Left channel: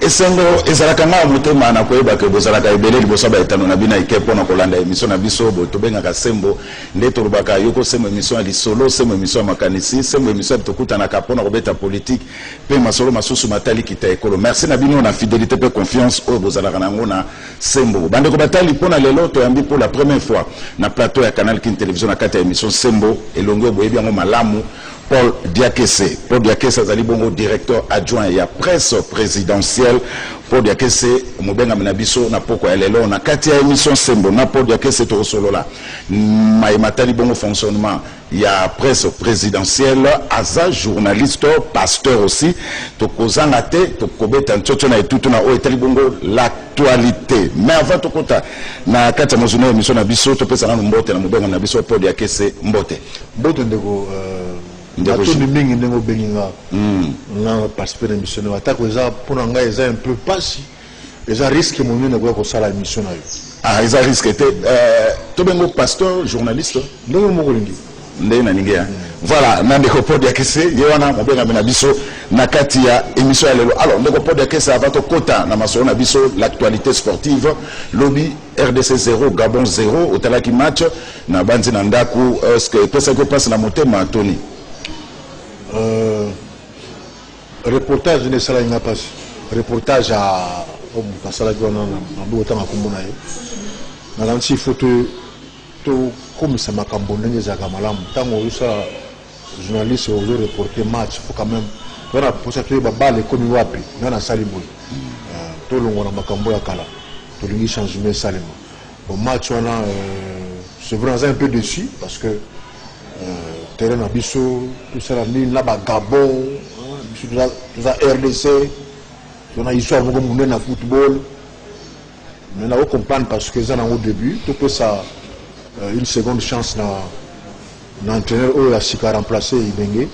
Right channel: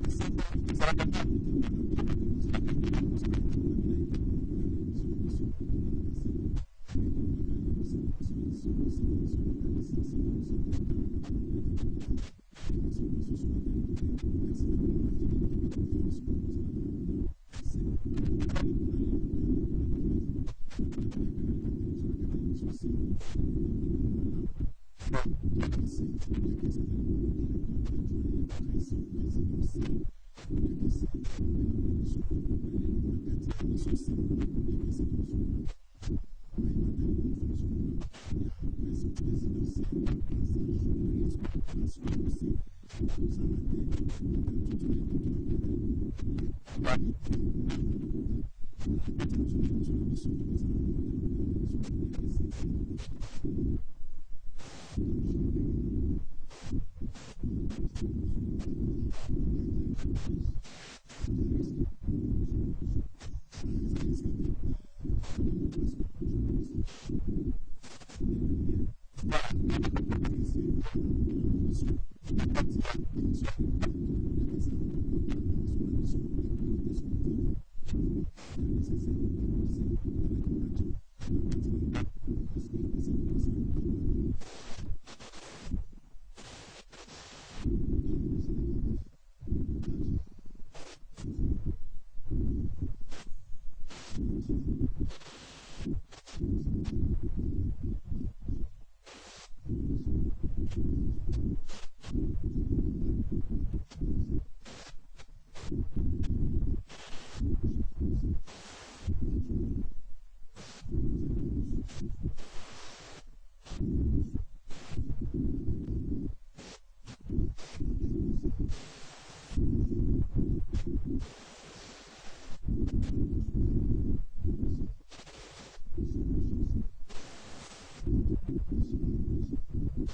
esengo ezalaka nga motema na koyeba ke bozalaka ebele liboso baetano na bina ike mpona kolanda émission na biso tobengaka sembo nde tolobaka yoko sembo émission ya lisolo sembo émission ya makanisi sembo émission ya tokutanaka mpona kobeta politique mpe masolo masusu matali kita ekolo. Merci na bino na fidélité mpe confiance oyo bozalaka nango na sembo bandeko batali mpona lelo toyambi pour la première fois na plateau ya Canal King Télévision na kati ya émission sembo elongo oyo boyebi yango malamu Paul Diakese. Paul Diakese azali bongo directeur adjoint ya presse présidentielle. Paul Diakese mobenga menabiso na poko ya lelo na kati ya émission sembo na Paul Diakese to solola matali bongo fonctionnement ya presse présidentielle aza journaliste pasteur aussi to kozanga te to kobeta ntchocho na etutu na o etali bongo l'actualité. Mais avant to kota na kati ya mozuna émission na biso to pesa na mbote na mobenga na biso Paul Diakese mbote ndeko Atoni mingi ndenge obenginga na participer à l'émission na atako eza pona nga eza un peu passi eza risque monene kwa kosala émission na yo. Ah eza risque te to bengo pasteur journaliste ndenge moko lingi ndenge na ningia. Voilà na ndeko Paul Diakese ye wana mobenga na biso na kati ya émission ya lelo. Alors ndeko Paul Diakese avant to kota na masolo na biso l'actualité sportive lobby RDC 0 Gabon 0 otalaki match na banzi na ndaku est-ce que pesa ko passe na motema Tony reportage ne sala inga pas reportage à basala gona na bota makombo na ye na lansi photo to comme ça makambo ndenge za kamalamu tango usa journaliste ozo reporter match faut quand même wana posa to ba balle comme wapi na sali boy to longo na makambo ya kala to lingi changement salimo au match wana c'est vraiment un peu déçu parce que terrain na biso tout ça là bas Gabon tout ça RDC on a histoire beaucoup monde na football mais on comprendre parce que ça au début tout peut ça une seconde chance na entraîneur ou la sika remplacer Ibenge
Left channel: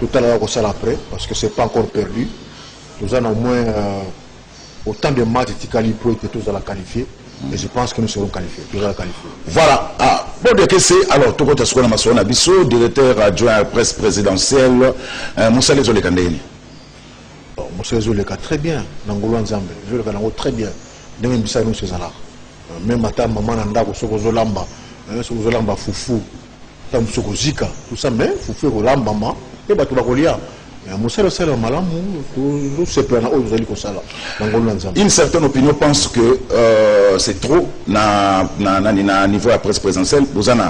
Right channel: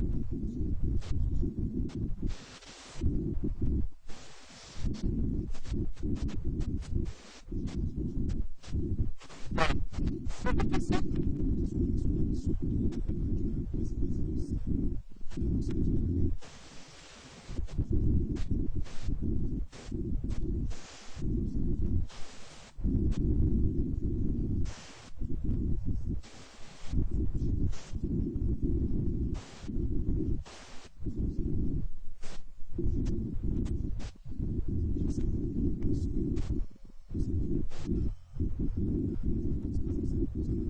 tout à l'heure ça après parce que c'est pas encore perdu nous en au moins autant de matchs Tikali Pro étaient tous à la qualifier. Et je pense que nous serons qualifiés. Voilà. Ah, bon, alors, tout le monde a dit directeur adjoint à la presse présidentielle, Moussa Lezo Lekandeni. Moussa Lezo Lekandeni, très bien. Nangolo Nzambe, je le connais très bien. Même si nous sommes là. Même matin, maman Nanda, Soko-Zolamba, Soko-Zolamba, Foufou, Soko-Zika, tout ça, mais Foufou, Rolamba, maman, et Batoubakolia. Une certaine opinion pense que c'est trop na niveau de la presse présidentielle. Vous avez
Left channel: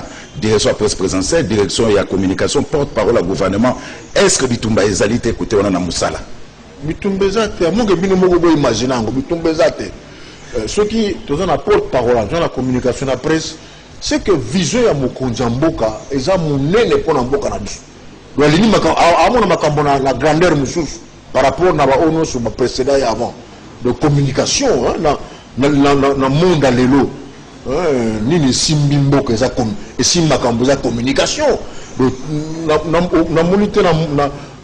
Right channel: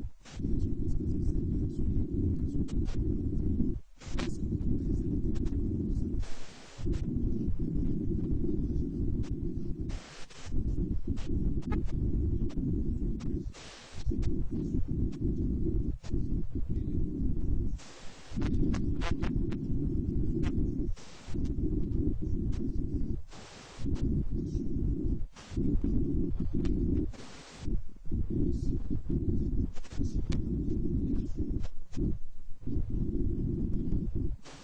direction de la presse présidentielle, direction de la communication, porte-parole au gouvernement. Est-ce que Bitumba Ezalite écoutez on a Moussala? Bitumba Ezalite, moi que Bino Mogo imaginer Bitumba Ezalite. Ceux qui ont la porte-parole dans la communication de la presse, c'est que vision ya Mokonjamboka, eza monene pour Namboka na biso. La grandeur par rapport à la précédent avant de communication dans le monde à l'élo ni les simbimbo que ça comme et simbakambo za communication na monité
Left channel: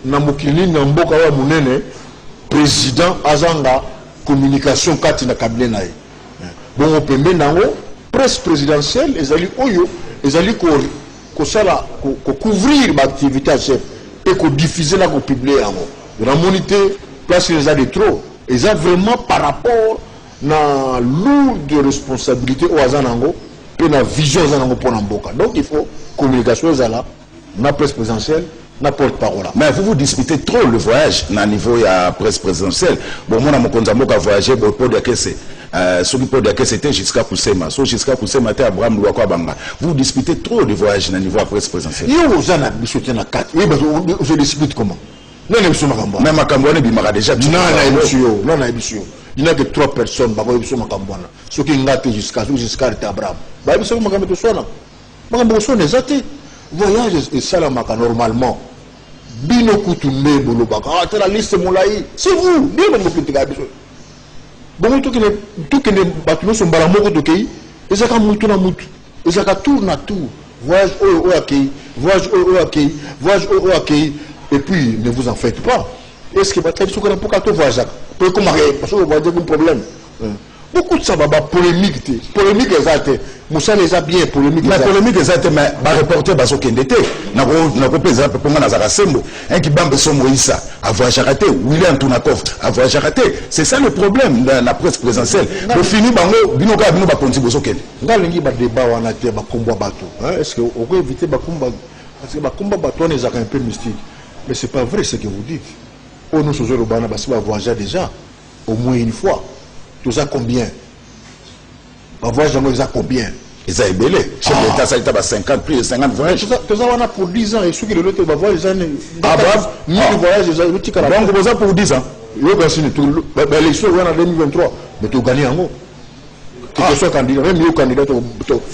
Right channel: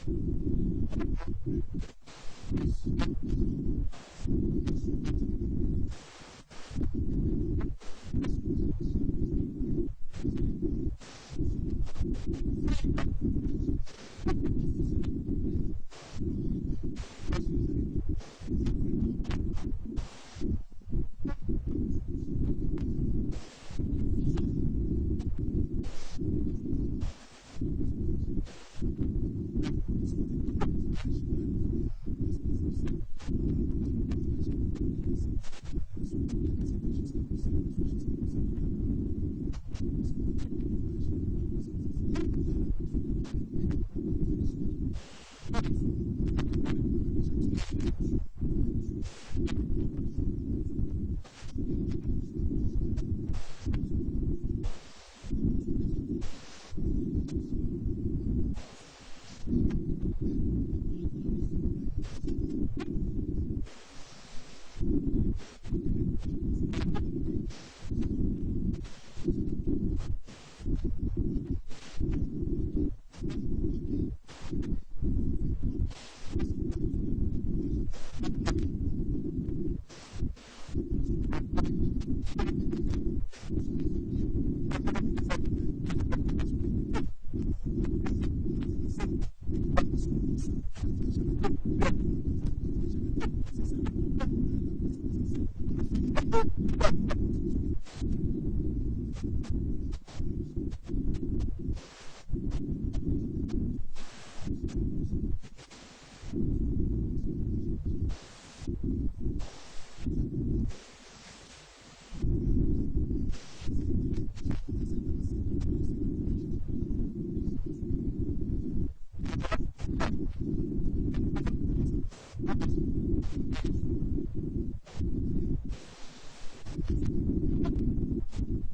na mokili na mboka wa munene président azanga communication kati na cabinet na ye bon opembe nango presse présidentielle ezali oyo ezali ko couvrir l'activité et qu'on diffuser là, qu'on publie la monité place les a de trop et ça vraiment par rapport à lourde responsabilité au Azanango et la vision Azanango pour Namboka. Donc il faut communication là, la presse présidentielle, la porte-parole. Mais vous disputez trop le voyage à niveau de la presse présidentielle. Bon, moi, je voyagé pour dire que c'est celui pour dire que c'était jusqu'à Koussema. Jusqu'à Koussema, c'était Abraham Louakwa Banga. Vous disputez trop le voyage à niveau de la presse présidentielle. Je dispute comment? Non, même à Cambouane, il m'a déjà dit. Non, il n'y a que 3 personnes. Ceux qui ont jusqu'à Abraham. Voyage et ça normalement. Bino Koutoumé, Bolobaka, la liste Moulaï, c'est vous, bien bon, tout que les bâtiments sont balamoko de Kei, et ça moutou na moutou, et ça tourne à tout. Voyage au Akei, voyage au Akei, voyage au Akei, et puis ne vous en faites pas. Est-ce que votre émission pour 4 voyages? Parce que vous voyez un problème. beaucoup de ça va polémique polémique exacte Moussa les a bien polémique la polémique exacte mais ba reporter baso kendete na ko pesa pe ponga na za sembo un qui bambe so Moïsa avoir raté William Tunakov avoir raté c'est ça le problème dans la presse présidentielle le fini bango binoka bino ba konti boso kende ngalingi ba débat wana te ba kombo bato est-ce que on peut éviter ba komba parce que ba komba bato on est un peu mystique mais c'est pas vrai ce que vous dites pour nous sur le bana ba va voyager déjà au moins une fois tout ça combien on voit jamais ça combien ils ont belé chef d'état ça était 50 plus de 50 voyages tout ça on a pour 10 ans et ceux qui le l'autre va voir les années ni voyage les autres qui donc vous ça pour 10 ans yo gasi ni tout l'élection on a 2023 mais tu gagner en haut que soit candidat même yo candidat to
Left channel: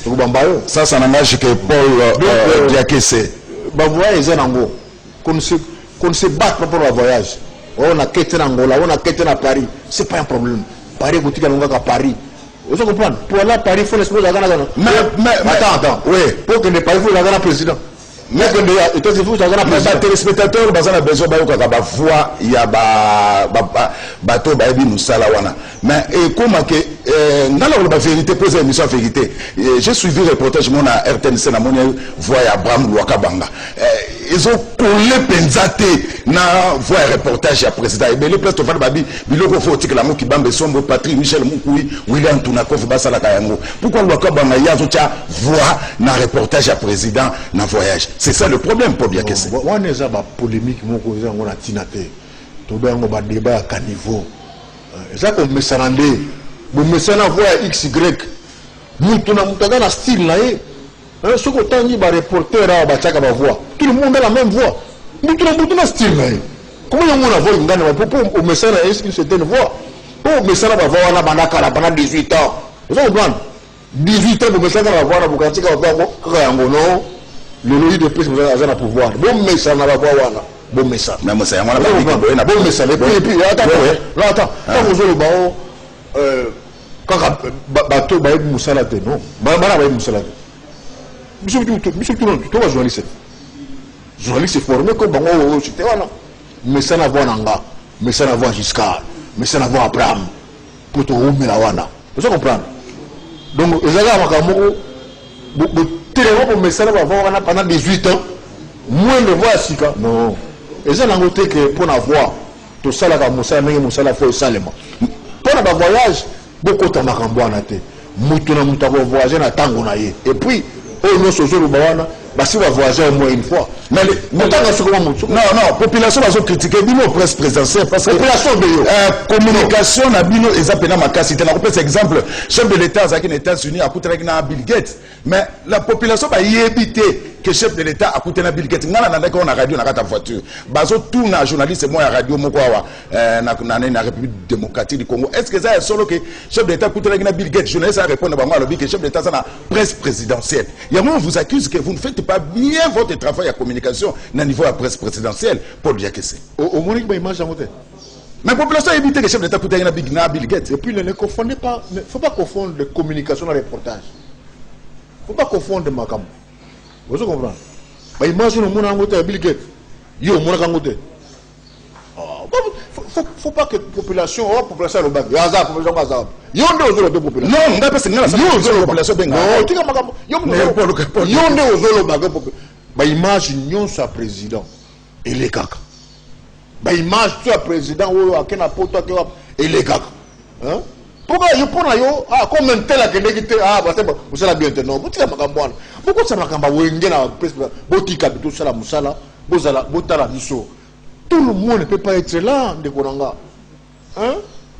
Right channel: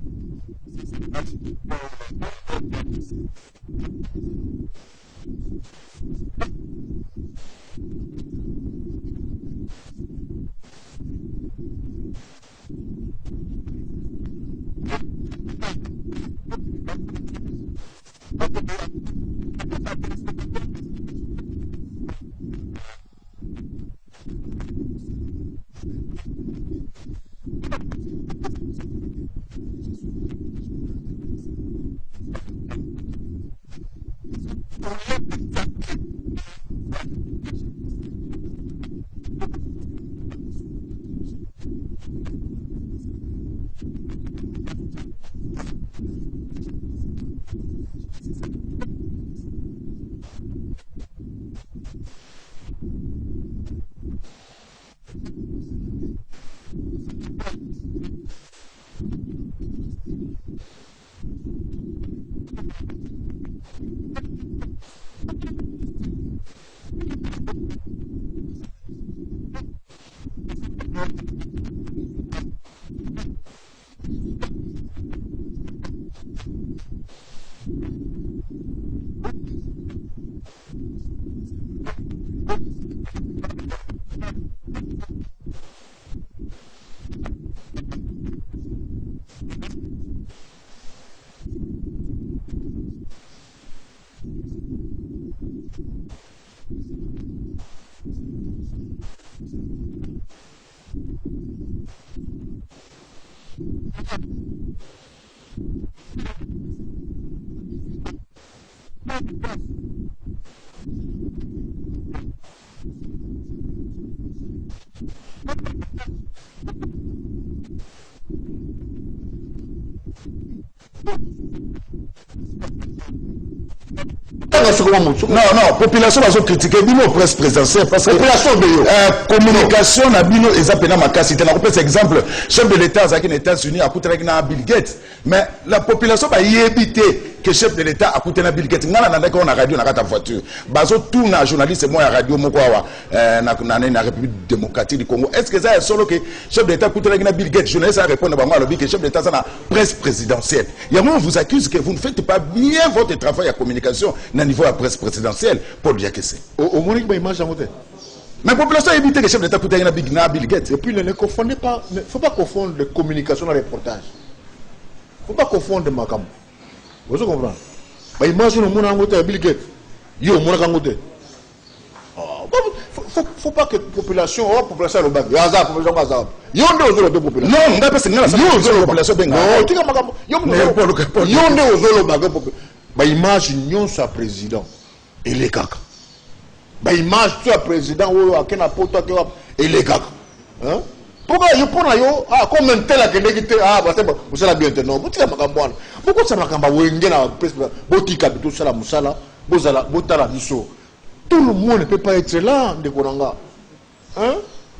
bambayo ça n'engage que Paul Diakese ba voyage en haut qu'on se bat pour le voyage on a quitté Angola on a quitté à Paris c'est pas un problème Paris boutique à Paris. Vous comprenez? Pour aller à Paris, il faut l'exposer à Ghana. Mais attends. Oui. Pour que les Paris, il faut la président. Mais que les États-Unis, les téléspectateurs, ils ont besoin de voir il y a bateau baby musala wana. Mais comment que dans la vérité poser émission vérité. J'ai suivi le reportage mon à RTNC na mon voix Abraham Luakabanga. Ils ont collé penzate na voix reportage à président et les places to faire babi biloko faut que la mo ki bambe sombo Patrick Michel Mukui William Tunakov basala kayango. Pourquoi Luakabanga yazo tia voix na reportage à président na voyage. C'est ça le problème pour bien que c'est. On est à la polémique, on a tinaté. Tout le monde a débat à quel niveau. C'est ça qu'on me s'en rendait. Vous me s'en envoyez XY. Nous, on a un style là. Ce qu'on a dit, reporter à Bachaka va voir. Tout le monde a la même voix. Nous, on a un style là. Comment on a voix une gagne pour me s'en aller, est-ce que c'était une voix? Pour me s'en va voir, on a pendant 18 ans. Vous comprenez? 18 ans, vous me s'en va voir, vous cantiez à voir, non? Le lobby de presse, vous avez un pouvoir. Bon message, on va voir. Bon message. Mais moi, c'est un bon message. Et puis, attends. Quand vous avez le baron, quand bateau, bah, Moussala, non. Bah, Moussala. Monsieur Touron, tu vois, journaliste. Journaliste formé comme Bango, c'était voilà. Mais ça n'a pas Nanga, mais ça n'a pas Giscard, mais ça n'a pas Abraham. Pour te remettre la Wana. Vous comprenez? Donc, les gens ont pour me faire pendant 18 ans, moins de voix si non. Et ça n'a noté que pour avoir tout ça là, Moussa faut salement. Pour le voyage, beaucoup de makambo en été. Moutona moutako voyager na tango na ye. Et puis, au nom sozo le bawana, si on va voyager au moins une fois. Mais non, population va se critiquer bino presse présidentielle parce que population de communication na bino ezapena makasi. On peut exemple, chef de l'État aux États-Unis a coûté na Bill Gates, mais la population va y éviter que chef de l'État a coûté na Bill Gates. Ngala na ndeko na radio na kata voiture. Bazo tout na journaliste moi radio moko wa na République démocratique du Congo. Est-ce que ça est solo que chef de l'État coûté na Bill Gates? Journaliste a répondre bango alobi que chef de l'État ça na presse présidentielle. Il y a moi on vous accuse que vous ne faites pas bien votre travail à communication à niveau de la presse présidentielle pour dire que c'est. Au Monique, il mange à monter. Mais la population a évité que le chef d'État coûte à Bill Gates. Et puis ne confondez pas, il ne faut pas confondre la communication et le reportage. Il ne faut pas confondre ma cam. Vous comprenez? Il mange au monde à Bill Gates. Il y a au monde à monter. Il ne faut pas que la population, la population le bac. Il y a une population. Non, on va pas se dire la population benga. Il y a une population. Image union sur président et les caca. Image sur président ou à quel apôtre et les caca. Pourquoi je prends yo comme un tel que négatif vous savez bien non vous tirez ma campagne pourquoi ça m'a campagne vous n'avez pas presque botika tout ça la musala bozala botala biso tout le monde ne peut pas être là de Konanga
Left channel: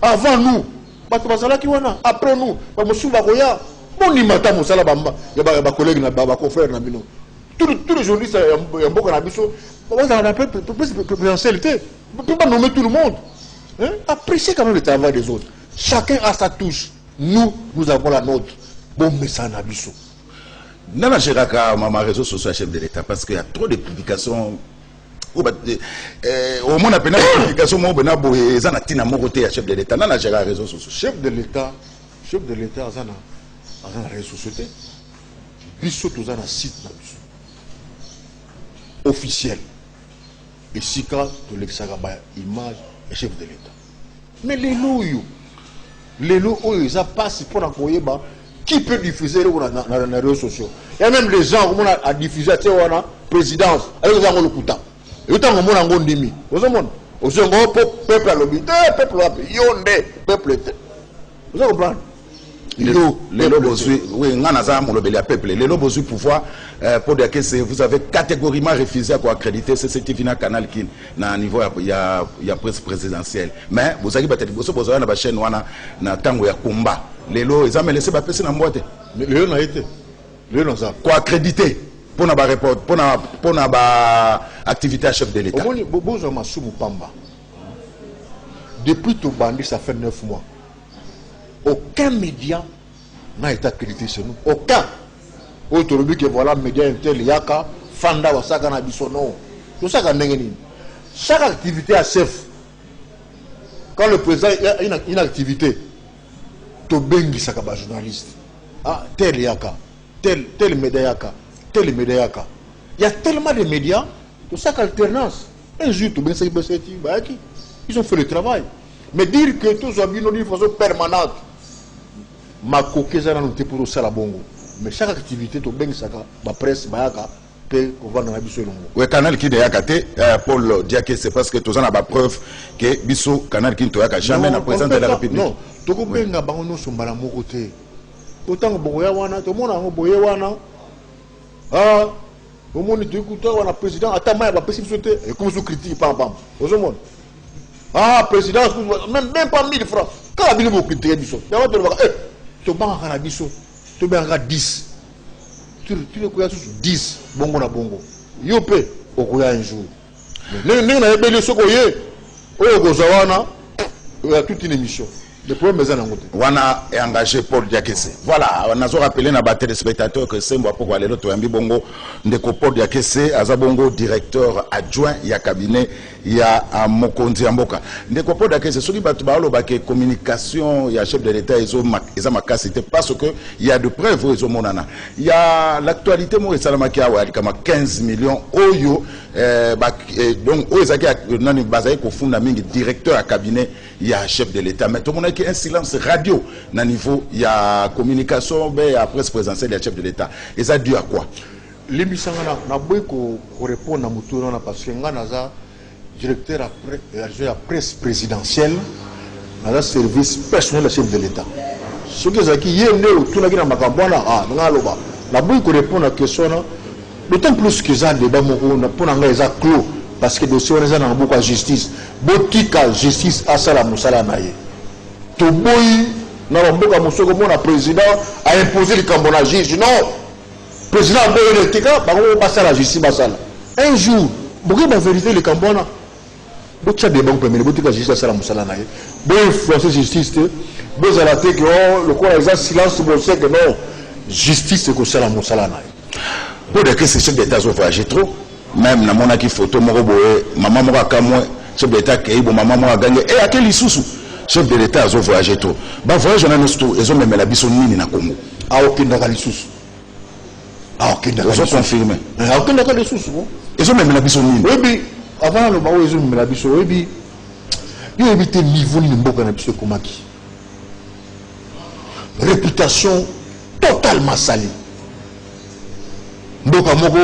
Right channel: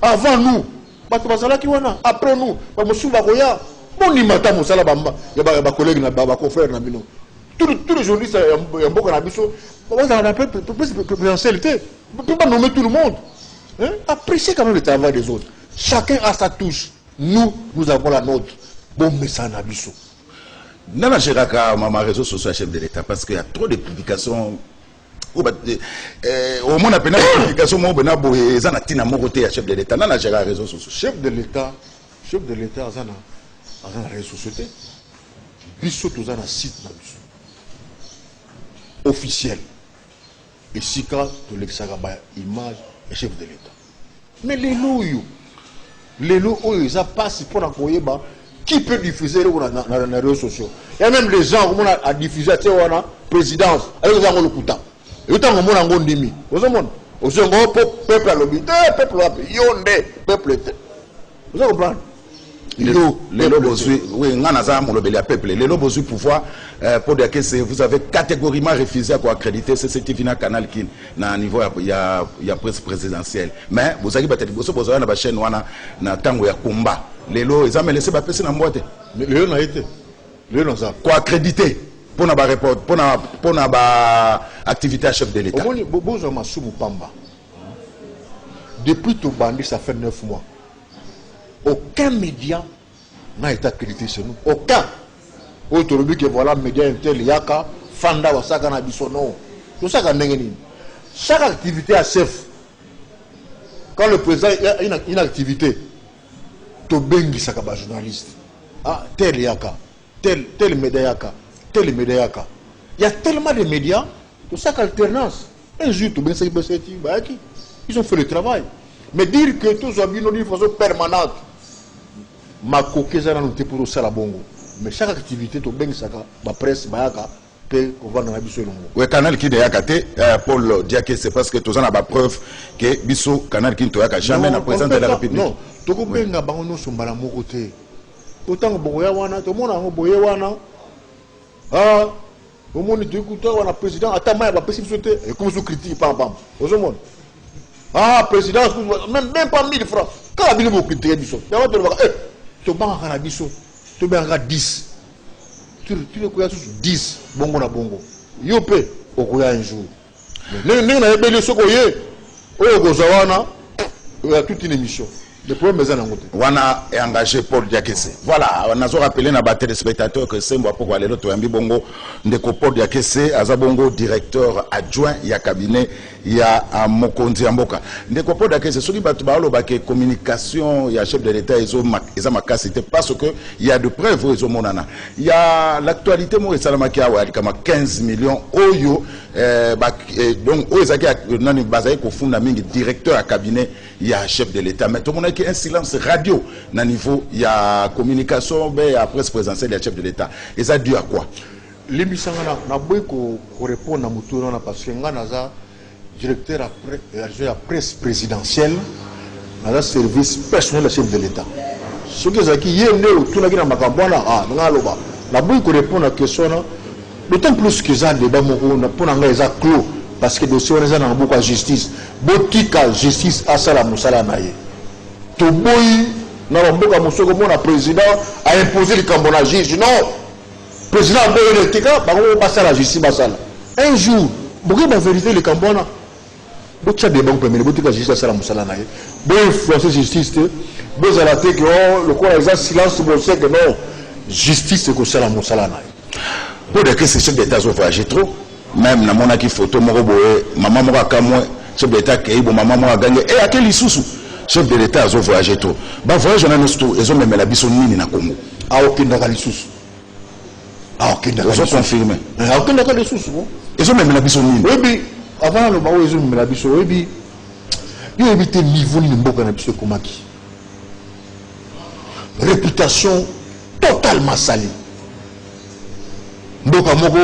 avant nous bato bazala ki wana après nous ba musuba koya boni mata musala bamba ya ba collègue na ba confrère na bino tous les journalistes en beaucoup na biso bazala na présidentialité on peut pas nommer tout le monde appréciez quand même le travail des autres. Chacun a sa touche. Nous avons la nôtre. Bon message à Bissot. Nana Géraka, ma réseau social chef de l'État, parce qu'il y a trop de publications. Au moins, on a des publications, on a des chef de l'État. Nana Géraka, réseau social. Chef de l'État, on a un réseau social. Bissot, on a un site officiel. Et si, quand de l'exagaba, image, chef de l'État. Mais les loups, Les lots, ils passent pour la koyeba. Qui peut diffuser dans les réseaux sociaux? Il y a même les gens qui ont diffusé la présidence. Avec les gens le kuta. Et autant que mon angon demi. Vous savez, au second peuple à l'obité, peuple à yonde, peuple. Vous comprenez? Les lobos, oui, les lobos pouvoir pour dire que vous avez catégoriquement refusé à accréditer CCTV na canal qui na niveau il y a presse présidentielle. Mais vous avez peut-être vous avez na chaîne wana na tango ya combat. Les lots ils ont laissé ba pese na mbote. Les lots n'a été. Les lots ça. Quoi accréditer pour na ba report pour na ba activité à chef de l'État. Bozo masumu pamba. Depuis tout bandit ça fait 9 mois. Aucun média n'a été accrédité chez nous. Aucun. Aujourd'hui que voilà, média intel, yaka, fanda, wasaka na bisono. Tout ça, chaque activité a chef. Quand le président a une activité, to bengi sakaba journaliste. Ah, tel yaka, tel média yaka, tel média yaka. Il y a tellement de médias, tout ça alternance. Un jour, tout bengi sakaba ils ont fait le travail. Mais dire que tout soit bien de façon permanente. Ma coquette a noté pour ça la bongo. Mais chaque activité, tu bien ça, ma presse, ma yaka, peut qu'on va dans la biso longo. Oui, canal qui est yakate, Paul Diaké, c'est parce que tu as la preuve que biso canal qui est jamais na président de la République. Non, tu comprends que bango sont malamo côté. Autant que boya wana, tout le monde a boya wana. Ah, au monde tu écoutes wana président, attends moi va passer sauter et comme sous critique pam pam. Au monde. Ah, président, même pas 1000 francs. Quand la bille vous critiquer biso. Tu vas te voir tu vas en biso. Tu vas en 10. Tu le connais tous 10 bongo na bongo. Yo pe okoya un jour. Mais na ebele sokoye. Oyo gozawana. Il y a toute une émission. Le problème est en côté. Wana est engagé Paul Diakese. Voilà, on a rappelé na battre les spectateurs que c'est moi pour aller l'autre ambi bongo ndeko Paul Diakese azabongo directeur adjoint ya cabinet ya Mokonzi Amboka. Ndeko Paul Diakese soki batu ba lo ba ke communication ya chef de l'état ezo makasité parce que il y a de preuves ezo monana. Il y a l'actualité mo esalama ki awa kama 15 millions oyo donc oyo zaki nani bazaye ko funda mingi directeur ya cabinet ya chef de l'état. Mais tout le monde un silence radio na niveau il y a communication ben à presse présidentielle du chef de l'état et ça dû à quoi l'émission na boy ko répondre na mutu na parce que nga naza directeur à presse présidentielle na service personnel du chef de l'état ce que zaki yende tout na kina makambona ah nga loba na boy ko répondre à question na d'autant plus que ça débat moko na pona nga eza clos parce que dossier on na beaucoup justice botika justice asala musala na ye to boy na mboka mosoko mona président a imposé le cambona juge non président boy le tika ba ko passer la justice basala un jour boki ba vérité le cambona botia de banque mais botika justice asala musala na ye boy influencer justice te boy ala te que le quoi exact silence bo sait que non justice ko sala musala na ye pour de que ces chefs d'état ont voyagé trop même na mona ki photo moko boye maman moko akamwe chef d'état ke bo maman moko gagné et à quel isusu chef de l'état a voyagé tout. Bah voyage on a nous tout ils ont même la biso nini na Congo. A aucun d'accord les sous. A aucun d'accord. Ils ont confirmé. A aucun d'accord les sous. Ils ont même la biso nini. Oui bi avant le baou ils ont même la biso oui bi. Yo éviter niveau ni mboka na biso komaki. Réputation totalement salie. Mboka moko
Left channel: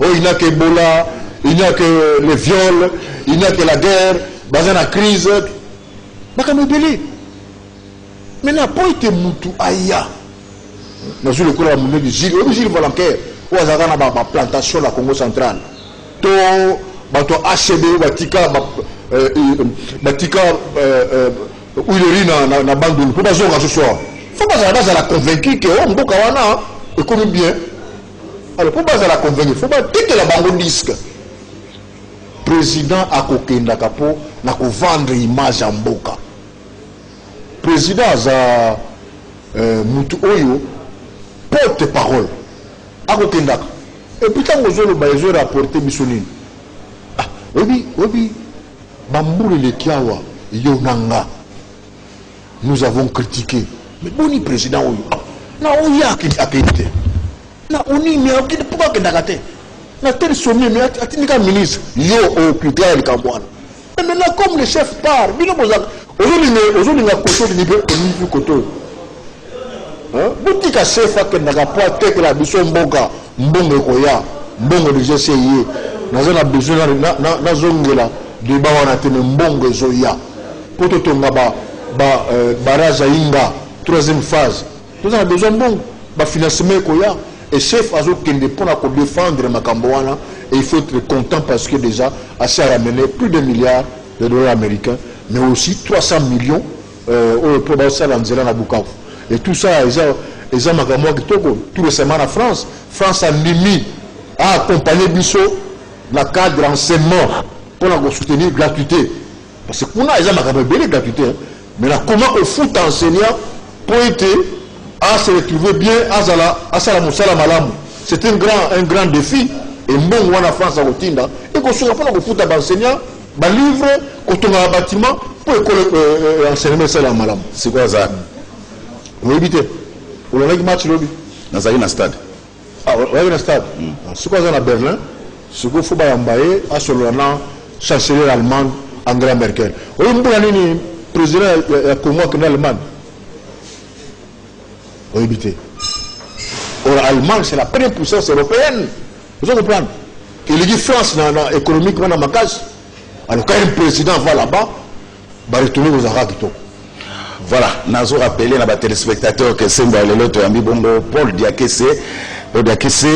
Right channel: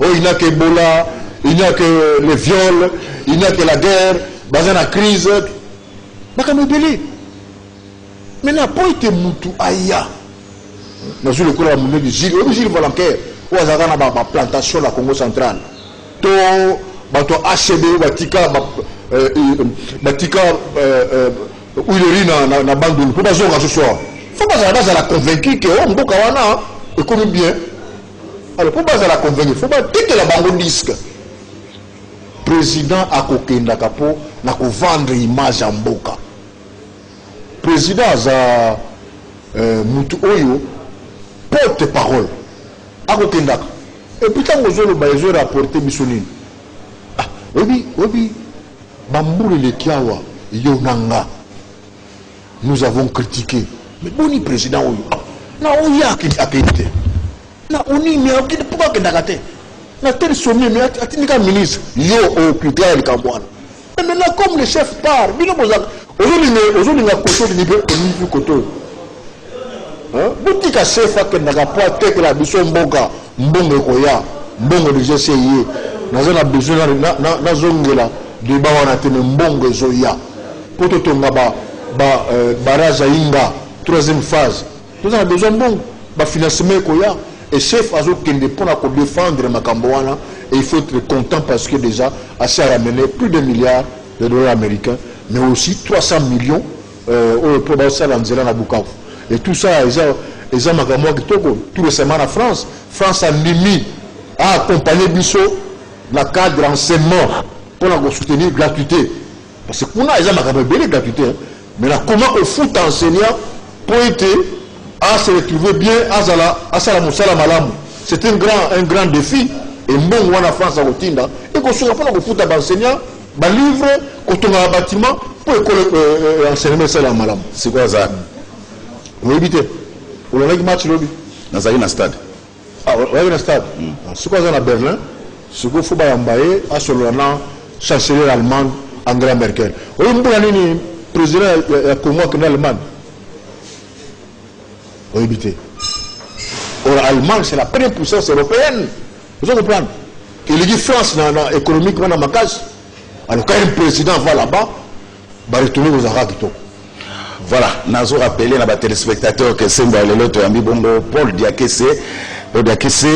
oh il n'y a que Ebola, il n'y a que les viols, il n'y a que la guerre, dans la crise. Mais n'a pas été moutou aïa. Dans le coup de la monnaie de Gilles Volontaire, où il y a une plantation la Congo centrale. To HB, Batika, Batika, où il y a une bande de. Faut pas jouer à ce soir. Faut pas la convaincre que on boka wana et comme bien. Alors pour pas la convaincre, faut pas dire que la bande disque. Président a kokenda kapo na ko vendre image en boka. Président za mutu oyo porte-parole a kokenda. Et puis tant que ba ezo rapporter misonine. Ah, obi bambule le kiawa yo nanga. Nous avons critiqué. Mais boni président oyo. Na oya akite. Na oni mais akite pourquoi kenda kate. Na tel sommet mais atindika ministre yo au putain le Cambouane. Mais maintenant comme le chef part, bino aujourd'hui na koto ni be ni koto hein botika sefa ke na rapport tek la biso mboka mbongo koya mbongo de GCI na besoin na zongela de ba wana te mbongo zoya poto tonga ba barrage inga troisième phase nous avons besoin mbongo ba financement koya et chef azo kende pour défendre makambo wana et il faut être content parce que déjà assez ramené plus de milliards de dollars américains mais aussi 300 millions pour ça dans Nzela na Bukavu et tout ça ils ont makambo kitoko tout récemment en France a mis à accompagner Bisso la cadre d'enseignement pour la soutenir gratuité parce que pour nous ils ont makambo belle gratuité mais là comment on fout enseignant pour être à se retrouver bien à Sala Moussala Malam c'est un grand défi et bon on a France à Rotinda et qu'on se rappelle qu'on fout à enseignant ba livre quand on a un bâtiment pour école enseignement Sala Malam c'est quoi ça on éviter on a un match lobby dans un stade on a un stade c'est quoi ça à Berlin ce qu'il faut ba yambaye à Solana chancelier allemand Angela Merkel on est président Congo qui est allemand on éviter l'Allemagne c'est la première puissance européenne vous comprenez et les France économiquement dans ma case alors quand un président va là-bas va retourner aux Arabes. Voilà, nous avons rappelé à nos téléspectateurs que c'est Paul Diakese. Paul Diakese,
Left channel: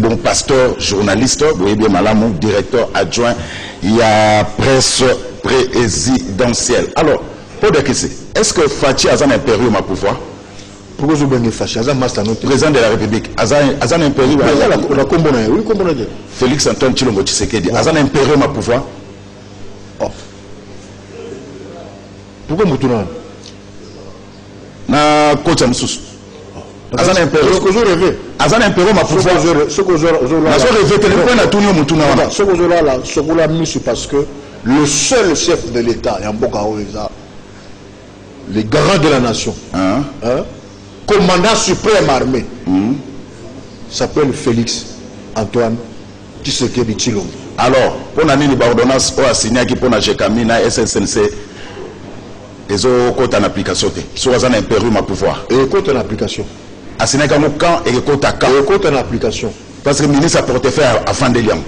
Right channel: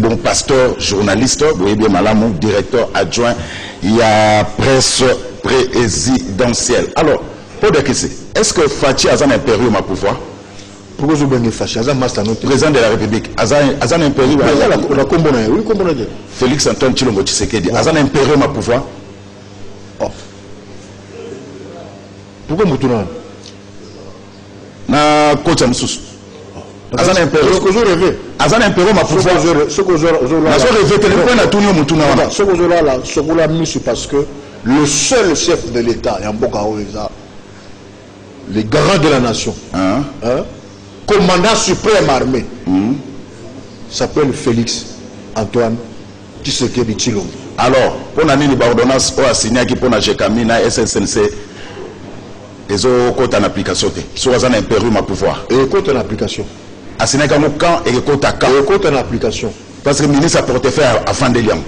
bon pasteur, journaliste, vous voyez bien Malamou, directeur adjoint, il y a presse présidentielle. Alors, Paul Diakese, est-ce que Fachi a un impérium à pouvoir? Pourquoi vous avez Fachi? Président de la République, a un impérium à pouvoir? Félix Antoine Tshilombo Tshisekedi, a un impérium à pouvoir? Pourquoi vous avez na kocha msusu azana impérium ce que je rêve azana impérium à pouvoir ce que je rêve téléphone na tunio mutuna wana ce que je là ce que la mission parce que le seul chef de l'état Yamboka Oeza le garant de la nation commandant suprême armée s'appelle Félix Antoine Tshisekedi Tshilombo. Alors pour nani ni ordonnance o assigné qui pour na Jekamina SSNC ils ont côté en application. Soit un impérium à pouvoir. Et côté en application. Assigné comme quand et côté à quand. Et côté en application. Parce que le ministre a porté faire à Fandeliam.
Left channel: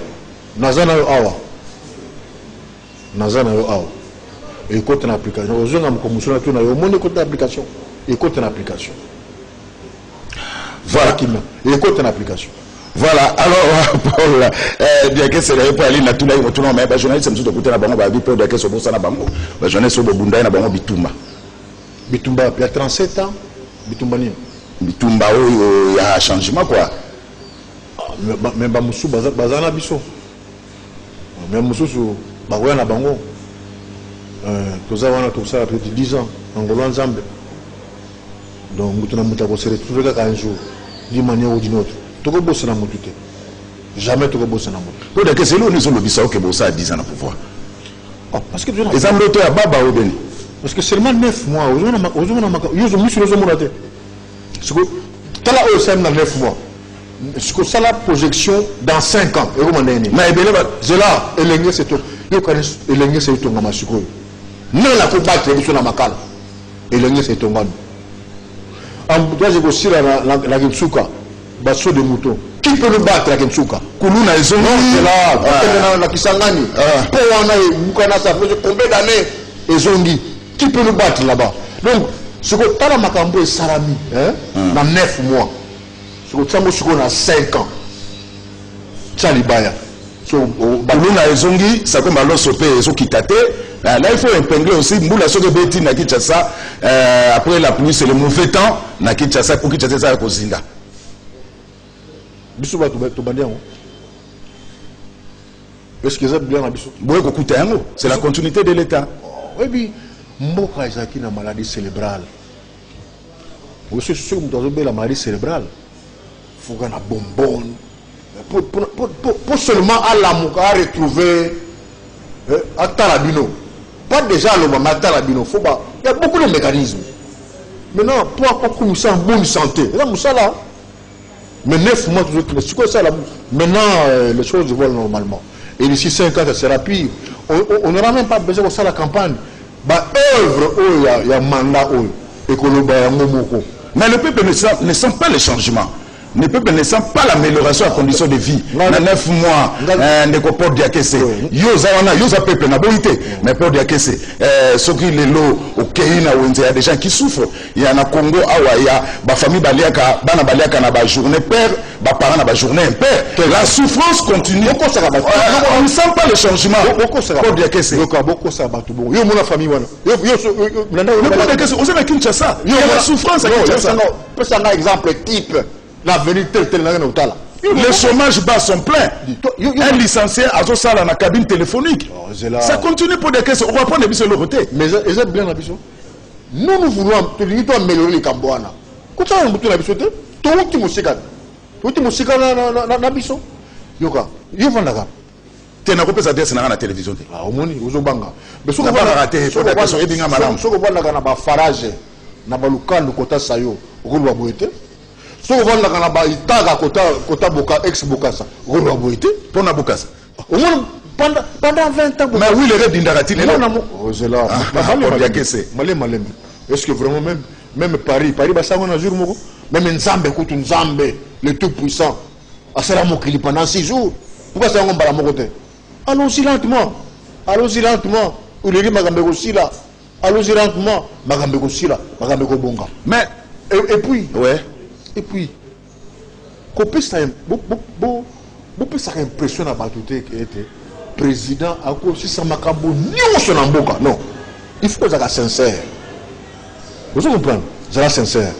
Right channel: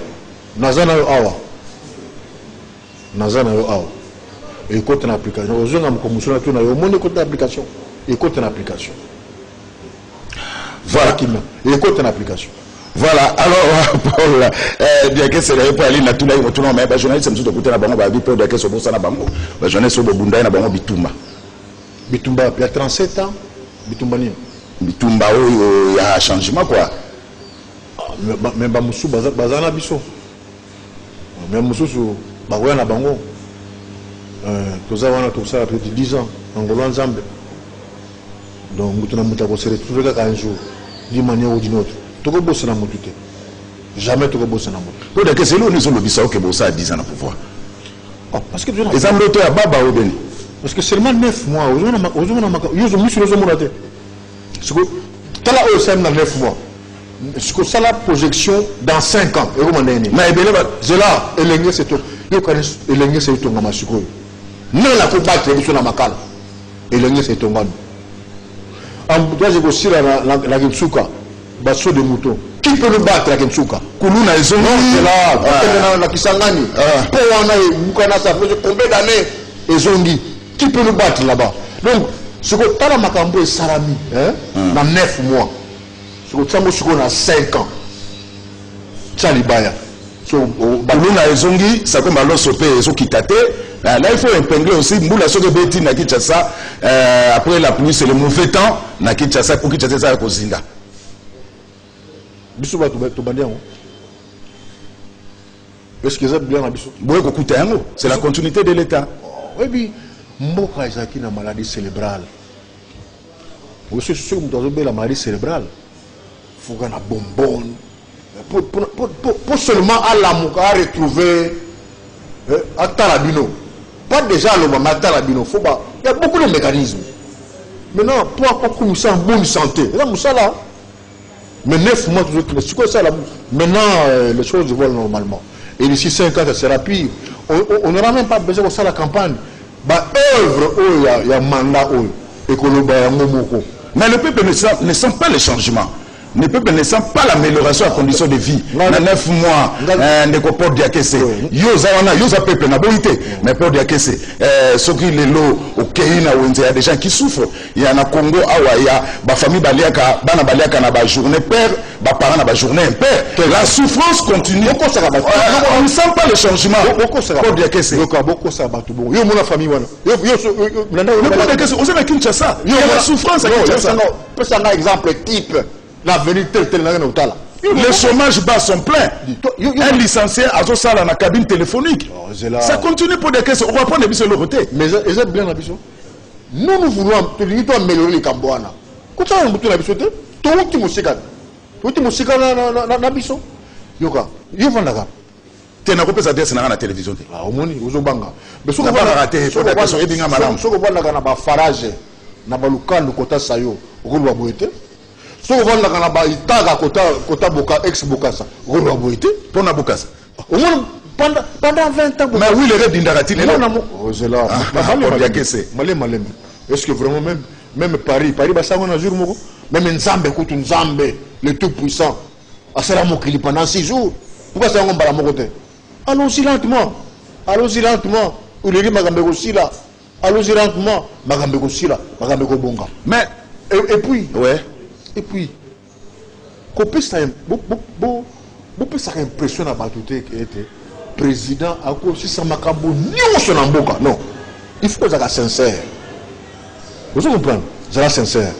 Nazana yo awa. Nazana yo awa. Et côté en application. Aux gens comme monsieur na yo mon côté en application. Et côté en application. Voilà. Et côté en application. Voilà, alors Paul, bien que c'est là pour aller na tout là il retourne mais journaliste c'est tout côté na bango ba bi Paul que so bossa na bango ba journaliste so bunda na bango bitumba il y a 37 ans bitumba ni bitumba il y a changement quoi mais ba musu bazana biso même musu ba koya na bango toza wana tout ça après 10 ans ngolo nzambe donc mutuna mutako se retrouver un jour d'une manière ou d'une autre. Jamais tu vas bosser dans le monde. C'est là où nous sommes le que Bossa a 10 ans de pouvoir. Parce que les Américains à Baba au Béni. Parce que seulement 9 mois, ils ont mis sur le monde. C'est que tu as là 9 mois. C'est que ça la projection dans 5 ans. C'est là, et l'engrais c'est tout. Et l'engrais c'est tout. Non, la coupe battre, c'est sur la macale. Et l'engrais c'est tout. En toi, j'ai aussi la Gitsuka. Basso de mouton. Qui peut nous battre à Kensuka? Kuluna ils ont c'est là. La Kisangani. Pour Mukana, ça fait combien d'années? Ils ont dit. Qui peut nous battre là-bas? Donc, ce que tu as Makambo et Salami, dans 9 mois. Ce que tu as dans 5 ans. Tchalibaya. Kuluna ils ont dit, ça comme alors sopé, ils ont quitté. Là, il faut épingler aussi. Moula Soke Beti na Kinshasa. Après la pluie, c'est le mauvais temps. Na Kinshasa, pour Kinshasa, ça a Kozinga. Est-ce que ça bien c'est la continuité de l'État. Oui, mais Mboka Izaki na maladie cérébrale. Vous savez ce que la maladie cérébrale. Il faut qu'on a bonbonne. Pour seulement à la Mouka retrouver à Tarabino. Pas déjà le moment à Tarabino. Il y a beaucoup de mécanismes. Maintenant, pour avoir en bonne santé, là, Moussala. Mais 9 mois, c'est quoi ça là? Maintenant, les choses volent normalement. Et d'ici 5 ans, ça sera pire. On n'aura même pas besoin de ça la campagne. ba œuvre il y a mandat et que le bayangomoko. Mais le peuple ne sent pas le changement. Le peuple ne sent pas l'amélioration à condition de vie. Dans 9 mois, ne pas dire que c'est. Yosa peuple n'a pas été, mais pas dire que c'est. Ce qui est l'eau au Kenya, il y a des gens qui souffrent. Il y a un Congo, il y a des familles baliaka, bana baliaka na ba journée père, ba parents na ba journée père. La souffrance continue. On ne sent pas le changement. Pas dire que c'est. Beaucoup ça va tout bon. Yo mon famille wana. Yo ne pas dire que c'est. On sait que Kinshasa. Il y a la souffrance à Kinshasa. Peut un exemple type. L'avenir tel là. Les chômages bas sont pleins. Un licencié a ça dans la cabine téléphonique. Ça continue pour des questions. On va prendre des bisous de côté. Mais c'est bien la bisou. Nous voulons améliorer les Cambouana. Quand on a la bisou, tout le monde na bisou. Yoka, yo vanda. Tu n'as pas besoin d'être dans la télévision. Ah, au moins, aux Obanga. Mais ce qu'on va rater, c'est la question. Ce qu'on voit là, na farage, na baluka, le kota sayo, roulo boité. Si on va là, itaga kota boka ex bokasa, roulo boité. Pour na bokasa. Au moins pendant 20 ans. Mais oui, les rêves d'Indarati, les non. Oh, c'est là. Malé. Est-ce que vraiment même Paris va s'en un jour moko. Même Nzambe kutu Nzambe, le tout puissant. Asala mokili pendant 6 jours. Pourquoi ça on bala mokote? Allons-y lentement. Ou les magambeko sila. Allons-y lentement. Magambeko sila, magambeko bonga. Mais et puis ouais. Et puis, qu'on ça impression à Batouté qui était président à cause de ça makambo non, il faut que ça soit sincère. Vous comprenez? Ça soit sincère.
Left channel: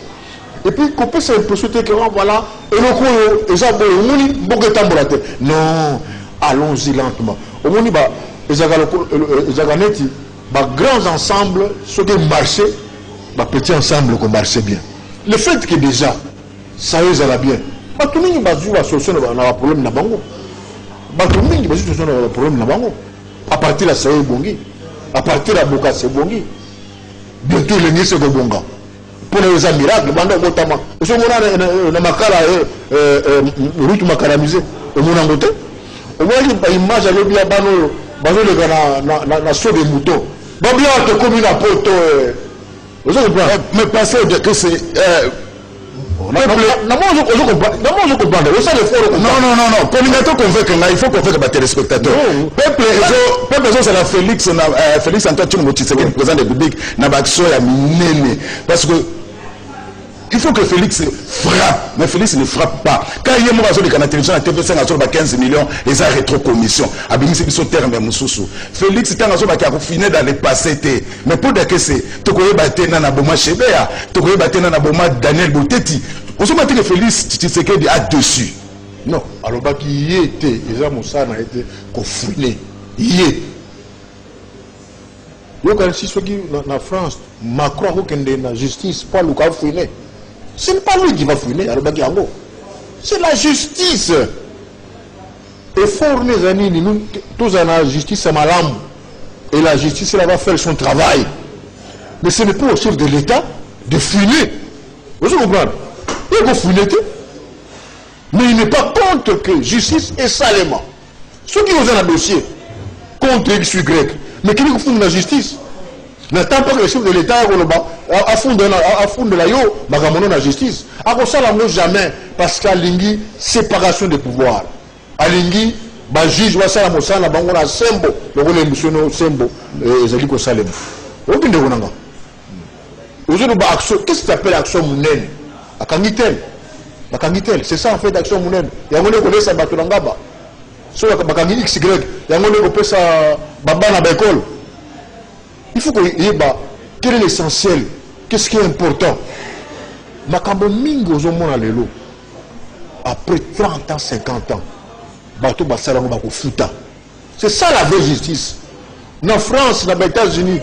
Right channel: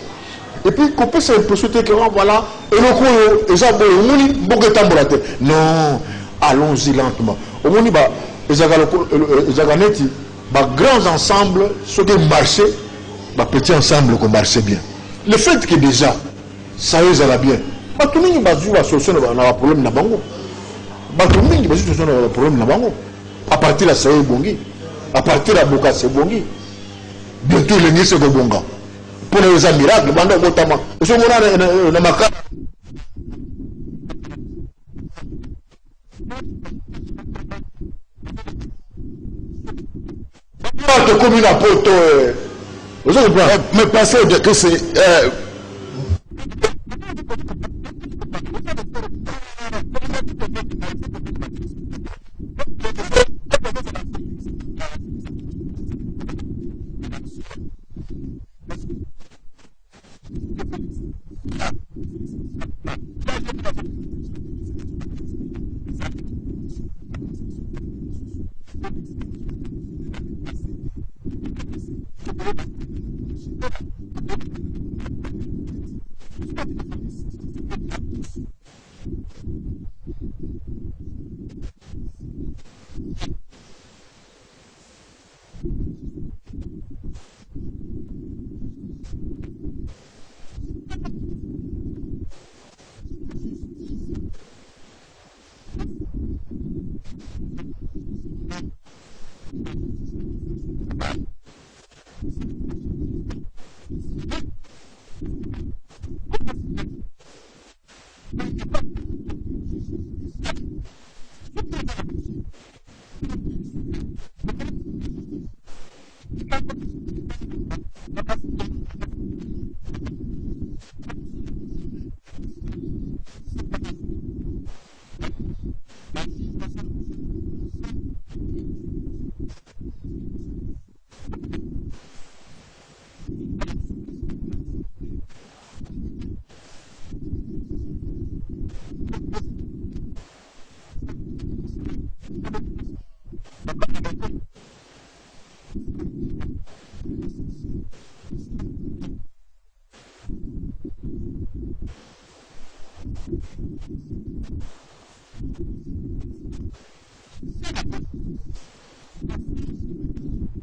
Et puis qu'on peut ça impression que voilà et le coup ça non, allons-y lentement. Au moins bah grands ensembles ceux qui marchaient bah petits ensemble qui marchaient bien. Le fait que déjà ça y est, bien. Tout le monde va solution à problème. À partir de ça, c'est bon. À partir de Boka, c'est bon. Bientôt, les nids, c'est bon. Pour les miracles, notamment. Je suis en route macaramusée. Au moins, il image avec les banaux, la sauce des moutons. Bien, comme une apôtre. Mais pensez que c'est. Non. Il faut convaincre les téléspectateurs. Peuple, c'est la Félix Antoine Tshisekedi, président de la République, n'a pas parce que il faut que Félix frappe, mais Félix ne frappe pas. Quand il y a un la télévision, la TV5 a 15 millions, et ça rétro-commission. Félix est en fini dans le passé. Mais pour dire que c'est, tu connais Batena Boma Chebea, tu connais Batena Boma Daniel Bouteti. On se dit que Félix Tshisekedi a dessus. Non, alors il y était, et ça, Moussa n'a été confiné. Il y est. Si ce qui en France, Macron a la justice, pas le cas fouiné. Ce n'est pas lui qui va fouiner, c'est la justice. Et fort les amis, nous tous en la justice, c'est malade. Et la justice, elle va faire son travail. Mais ce n'est pas au chef de l'État de fouiner. Vous comprenez? Il va fouiner. Mais il n'est pas contre que justice est salement. Ceux qui ont un dossier contre X, Y, mais qui font la justice. N'attend pas que le chef de l'État a fondé la yo, la justice. A ça la jamais parce qu'à Lingui, séparation des pouvoirs. À Lingui, le juge va ça la mossa la bango na sembo, le rôle émotionnel sembo, ezali ko salem. Aucun de wonanga. Aujourd'hui ba action, qu'est-ce que tu appelles action munene? Akangitel. C'est ça en fait action munene. Ya ngone ko lesa bato ngaba. So bakangi XY, ya ngone ko pesa baba na l'école. Il faut que quel est l'essentiel? Qu'est-ce qui est important? Après 30 ans, 50 ans, c'est ça la vraie justice. En France, dans les États-Unis,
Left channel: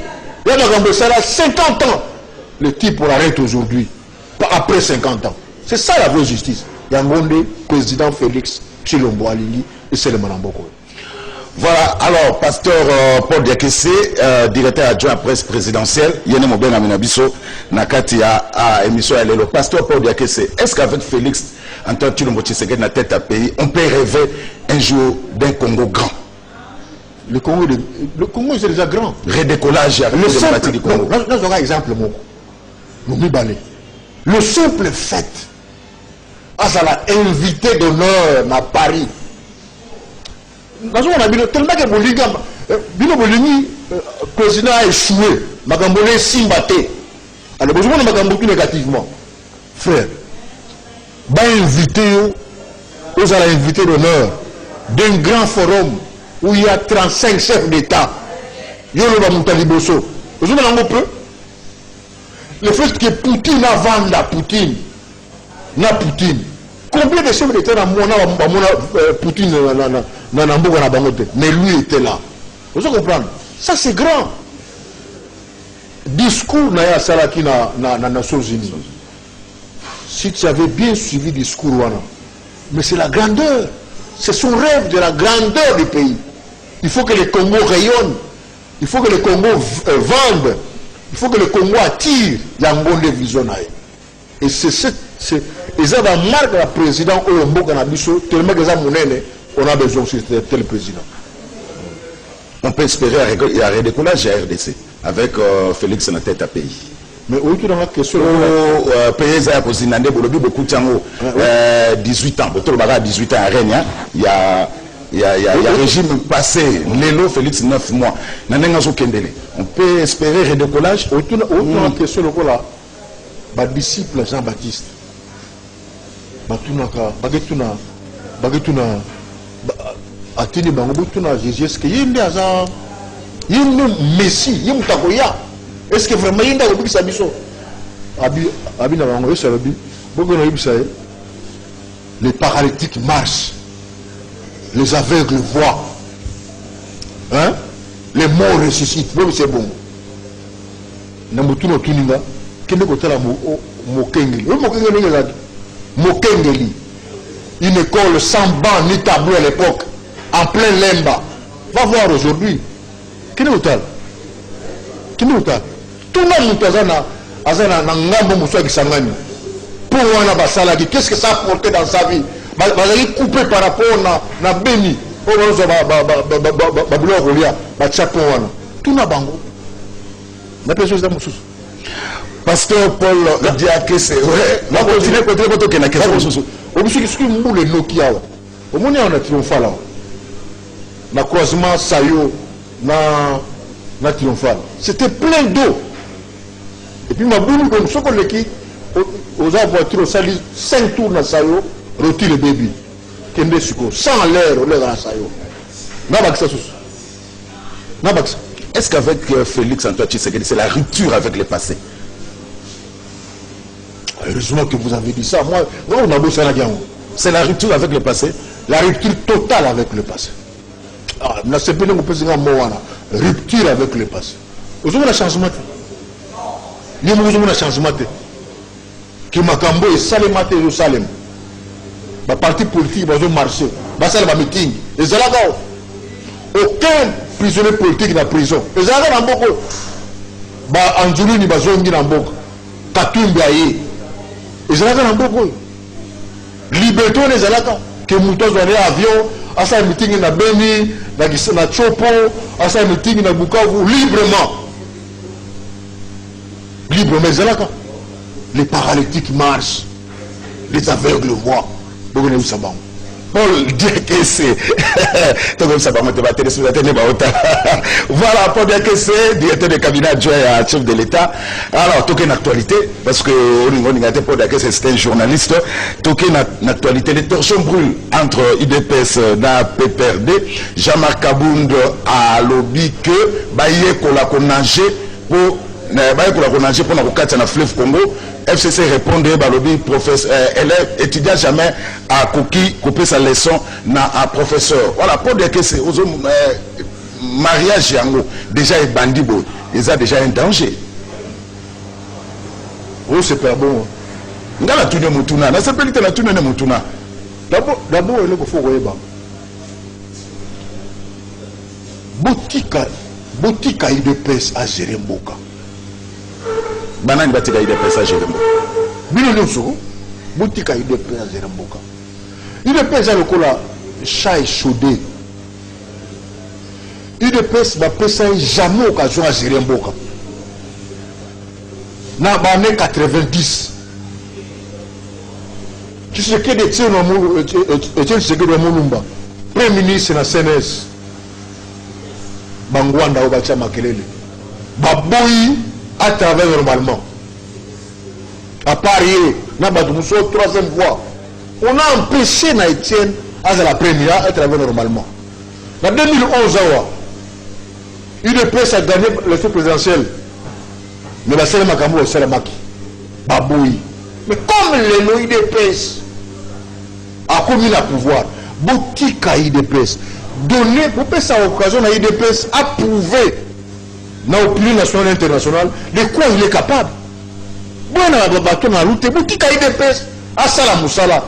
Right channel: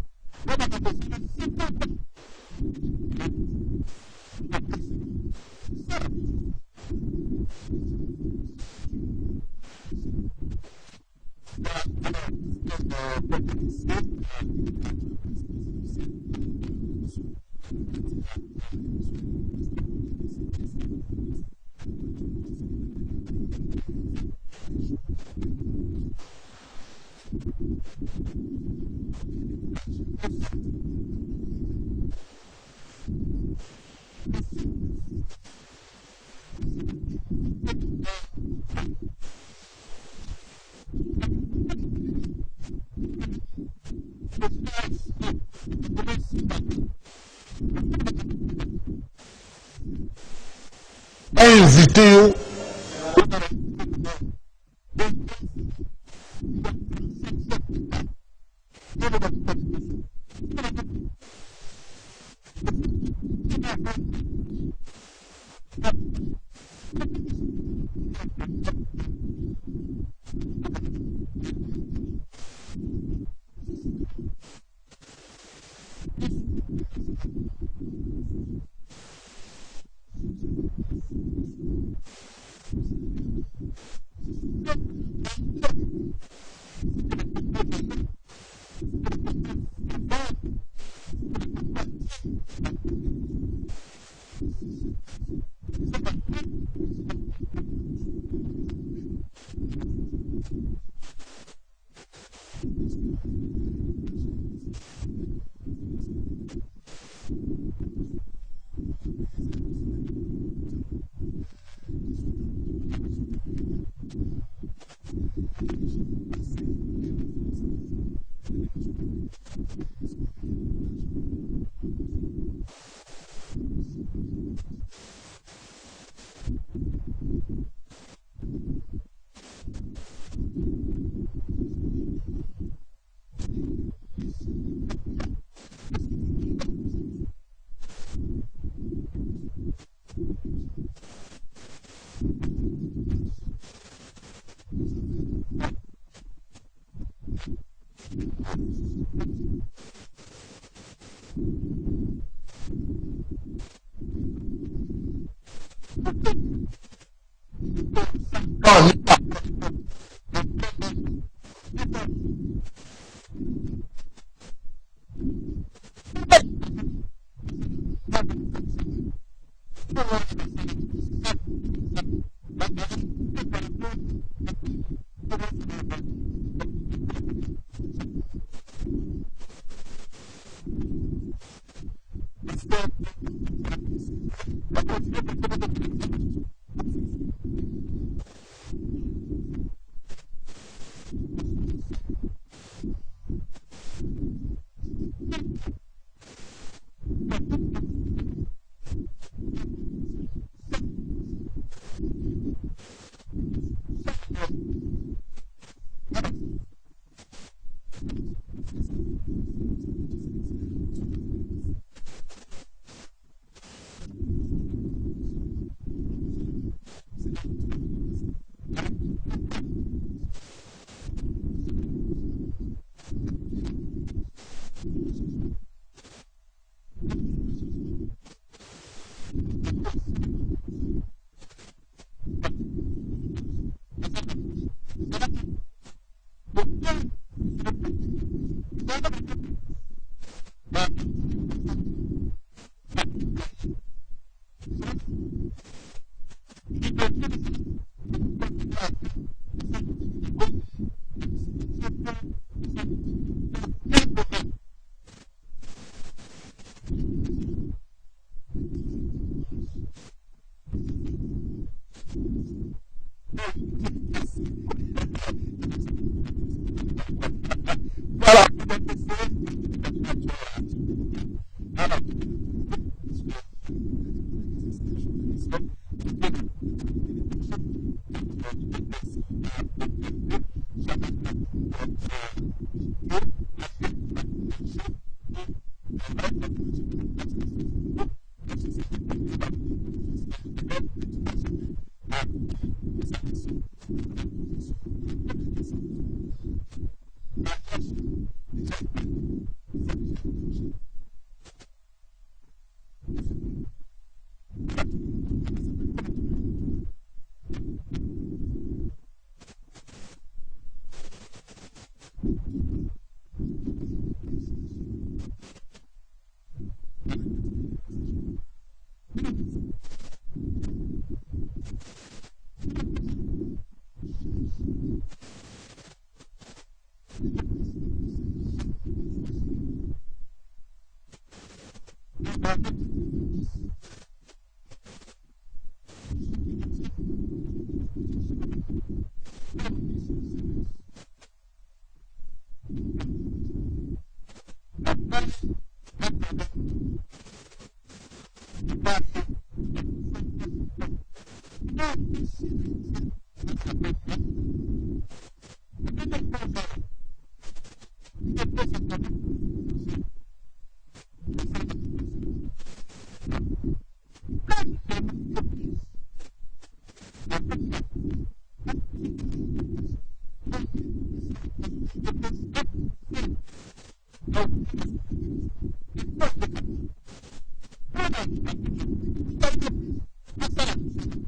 il y a 50 ans. Le type l'arrête aujourd'hui, après 50 ans. C'est ça la vraie justice. Il y a un monde, président Félix Tshilombo Alili et c'est le Manamboko. Voilà, alors, pasteur Paul Diakese, directeur adjoint à presse présidentielle, Yene Moben Aminabiso, Nakati à émission à l'élo. Pasteur Paul Diakese, est-ce qu'avec Félix Antoine Tshilombo Tshisekedi na tête à pays, on peut rêver un jour d'un Congo grand? Le Congo c'est déjà grand. Redécollage avec Le le simple, parti du Congo. là, je donne un exemple, le simple fait, Azala invité d'honneur à Paris. Tellement que Bolingi, président a échoué, Magambole Simbate. Alors, besoin de Magambole négativement. Frère, va inviter, vous allez inviter d'honneur d'un grand forum où il y a 35 chefs d'État. Yolo Bamutaliboso. Vous avez un peu? Le fait que Poutine a vendu à Poutine, combien de chefs d'État Poutine mais lui était là. Vous comprenez? Ça c'est grand. Discours na Salaki na Nations Unies. Si tu avais bien suivi le discours, mais c'est la grandeur. C'est son rêve de la grandeur du pays. Il faut que le Congo rayonne. Il faut que le Congo vende. Il faut que le Congo attire Yangonde Visionaire. Et c'est la marque de la président Oyombo Kanabiso, tellement que on a besoin de tel président. On peut espérer un redécollage à RDC avec Félix na tête à pays. Mais où tu as la question? Pays à Kosinande, beaucoup de temps, 18 ans, 18 ans à Rennes, il y a un régime passé, Lélo Félix 9 mois. On peut espérer redécollage. Où tu as la question? Ma disciple Jean-Baptiste, Bagetuna, Atini Bangobutuna, Jésus, est-ce qu'il y a un Messie, il y a un Takoya? Est-ce que vraiment il y a un Sabiso? Abina Bango, c'est les paralytiques marchent, les aveugles voient, hein? Les morts ressuscitent. Bon, c'est bon. Namutuna Tuninga. Mokengeli, une école sans banc ni tableau à l'époque, en plein Lemba. Va voir aujourd'hui. Quel est le tal? Tout le monde qu'est-ce que ça a apporté dans sa vie? Il est coupé par rapport à Béni. Tout le monde. Pasteur Paul Diake, c'est vrai. On va continuer à continuer à question. On a Nokia. On a triomphal. Na croisement Sayo, na triomphal. C'était plein d'eau. Et puis ma boule, comme ce qu'on l'équipe, aux voitures, ça dit 5 tours dans Sayo, rôti le bébé. Kende Suko, sans l'air, on est dans Sayo. Nabaksa. Est-ce qu'avec Félix Antoine Tshisekedi, c'est la rupture avec le passé? Heureusement que vous avez dit ça. Moi on a besoin de c'est la rupture avec le passé. La rupture totale avec le passé. Rupture avec le passé. Vous avez un changement. Vous avez un changement. Que Makambo est Salem à Jérusalem. Le parti politique va marcher. Va faire un meeting. Et c'est là aucun prisonnier politique dans la prison. Et c'est là beaucoup. Anjuli ni bazongi na mboko. Katumbi aye. Ezalaka na mboko. Liberté on ezalaka que mutozo aller avion, asa meeting na Beni, na Chopo, asa meeting na Bukavu librement. Librement ezalaka. Les paralytiques marchent, les aveugles voient. Bogone usabang. Paul dit que c'est voilà, Paul dit que c'est directeur de cabinet adjoint à chef de l'État. Alors, toqué une actualité, parce que c'est un journaliste, toqué une actualité, les torsions brûlent entre IDPS et PPRD. Jean-Marc Kabound a lobby que Baye Kolakonangé pour la fleuve Congo. FCC répondait balobi professeur élève étudiant jamais à couper sa leçon na un professeur. Voilà pour dire que c'est mariage yango déjà est bandit bon, ils ont déjà un danger. Oh c'est pas bon. Ngala tune mutuna, na s'appelle la tune ne mutuna. D'abord il faut voir boutique IDPS à Zeremboka. Banani batika IDPS à Zeremboka. Bino nyonso boutique IDPS à Zeremboka. IDPS à lokola chat chaudé. UDPS va passer jamais occasion à gérer un boka. Dans les années 90, tu sais que des tiens de Moulumba, Premier ministre de la CNS, Bangwanda ou Bacha Makelele, Baboui à travers normalement. À Paris, na Badousso, troisième fois. On a empêché Naïtienne à la première à travers normalement. En 2011, UDPS a gagné l'élection présidentielle. Mais la seule Makambo est celle Maki. Baboui. Mais comme le UDPS a commis le pouvoir, boutique à UDPS, donner, pour passer à l'occasion à UDPS, à prouver dans l'opinion nationale et internationale de quoi il est capable. Bon, on a battu dans la route, boutique à UDPS, à Salam Moussala,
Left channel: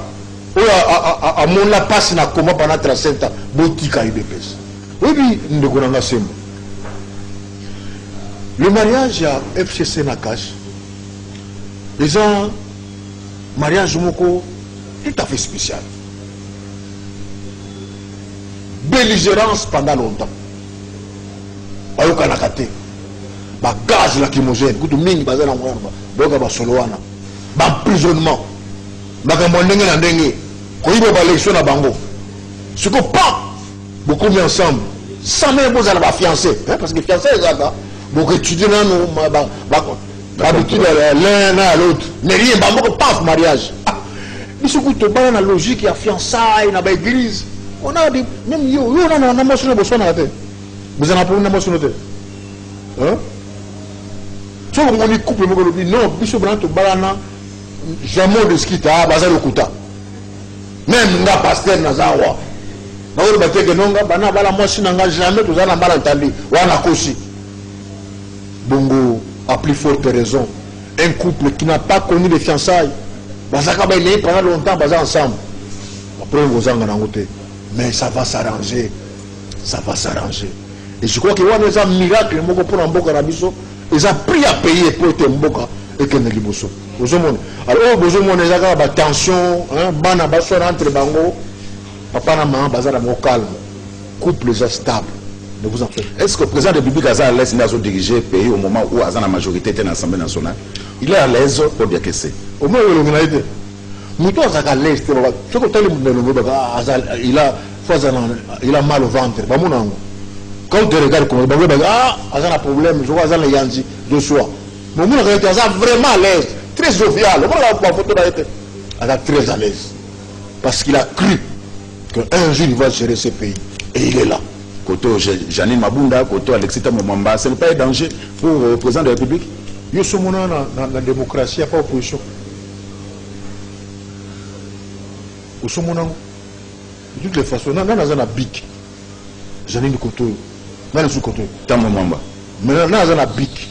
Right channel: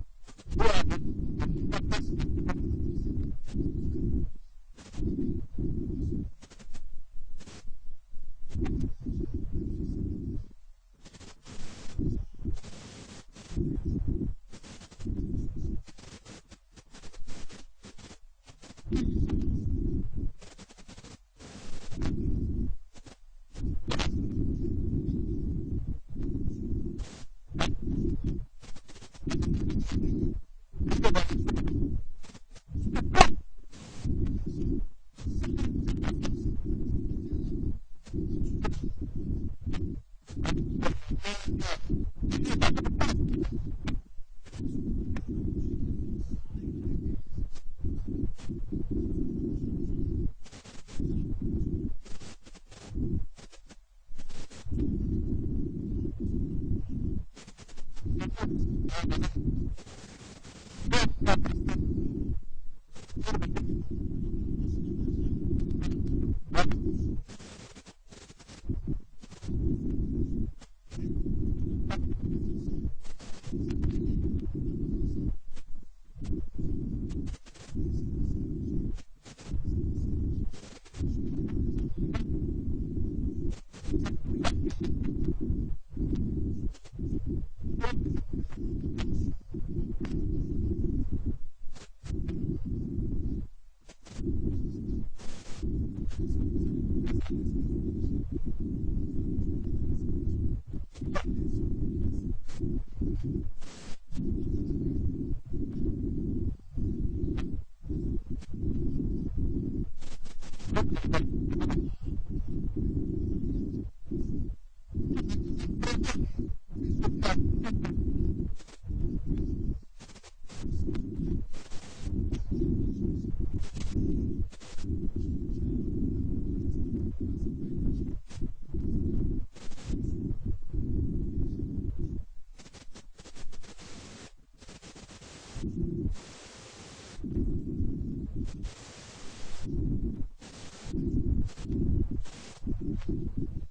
à mon la passe na comment pendant 37 ans, boutique à UDPS. Oui, nous devons faire le mariage à FCC Nakash, les un mariage moko tout à fait spécial. Belligérance pendant longtemps. Ayo kanakate. Ba gaz lacrymogène, kutu mingi bazana mwamba. Boka ba soloana. Ba emprisonnement. Ba kamondenge na ndenge. Koyibo ba élection na bango. Ce que pas beaucoup mis ensemble. Sans même vous allez ba fiancé, parce que fiancé les gars, beaucoup étudier dans nos habitude l'un à l'autre. Mais rien ba moko pas mariage. Mais ce que tu as la logique, il y a fiançailles, il y a église. On a dit, même yo, on a un amour sur le besoin. Vous en avez pas un amour sur le terre. Hein? Tu vois, on est couple, non, Bishop Branto Balana, jamais de ski, à Bazar Okuta. Même la pasteur Nazawa. Nous avons dit que non, Bana Bala Moshi n'a jamais tout ça dans Balantalli, ou en Akoshi. Bongo, à plus forte raison, un couple qui n'a pas connu les fiançailles. Bazaka ba il pendant longtemps bazar ensemble. Après vous en côté. Mais ça va s'arranger. Ça va s'arranger. Et je crois que on a un miracle moko pour Mboka Rabiso, ils ont pris à payer pour être Mboka et que Neliboso. Vous avez alors vous avez des tension, hein, bana baso entre bango, papa na maman bazar mo calme. Couple stable. Ne vous en faites. Est-ce que le président de la République a l'aise de diriger le pays au moment où la majorité était dans l'Assemblée nationale? Il est à l'aise pour dire que c'est. Au moins, il a l'aise. Il a mal au ventre. Quand tu regardes comment il a un problème, je vois qu'il y a de soi. Mais il est vraiment à l'aise, très jovial. Il est très à l'aise. Parce qu'il a cru qu'un jour il va gérer ce pays. Et il est là. Koto Janine Mabunda, Koto Alexita Momamba, ce n'est pas un danger pour le président de la République? Nous sommes dans la démocratie, il n'y a pas d'opposition. Nous sommes de toutes les façons, nous avons un bic. Janine Koto, nous avons un Koto. Tamomamba. Mais nous avons un bic.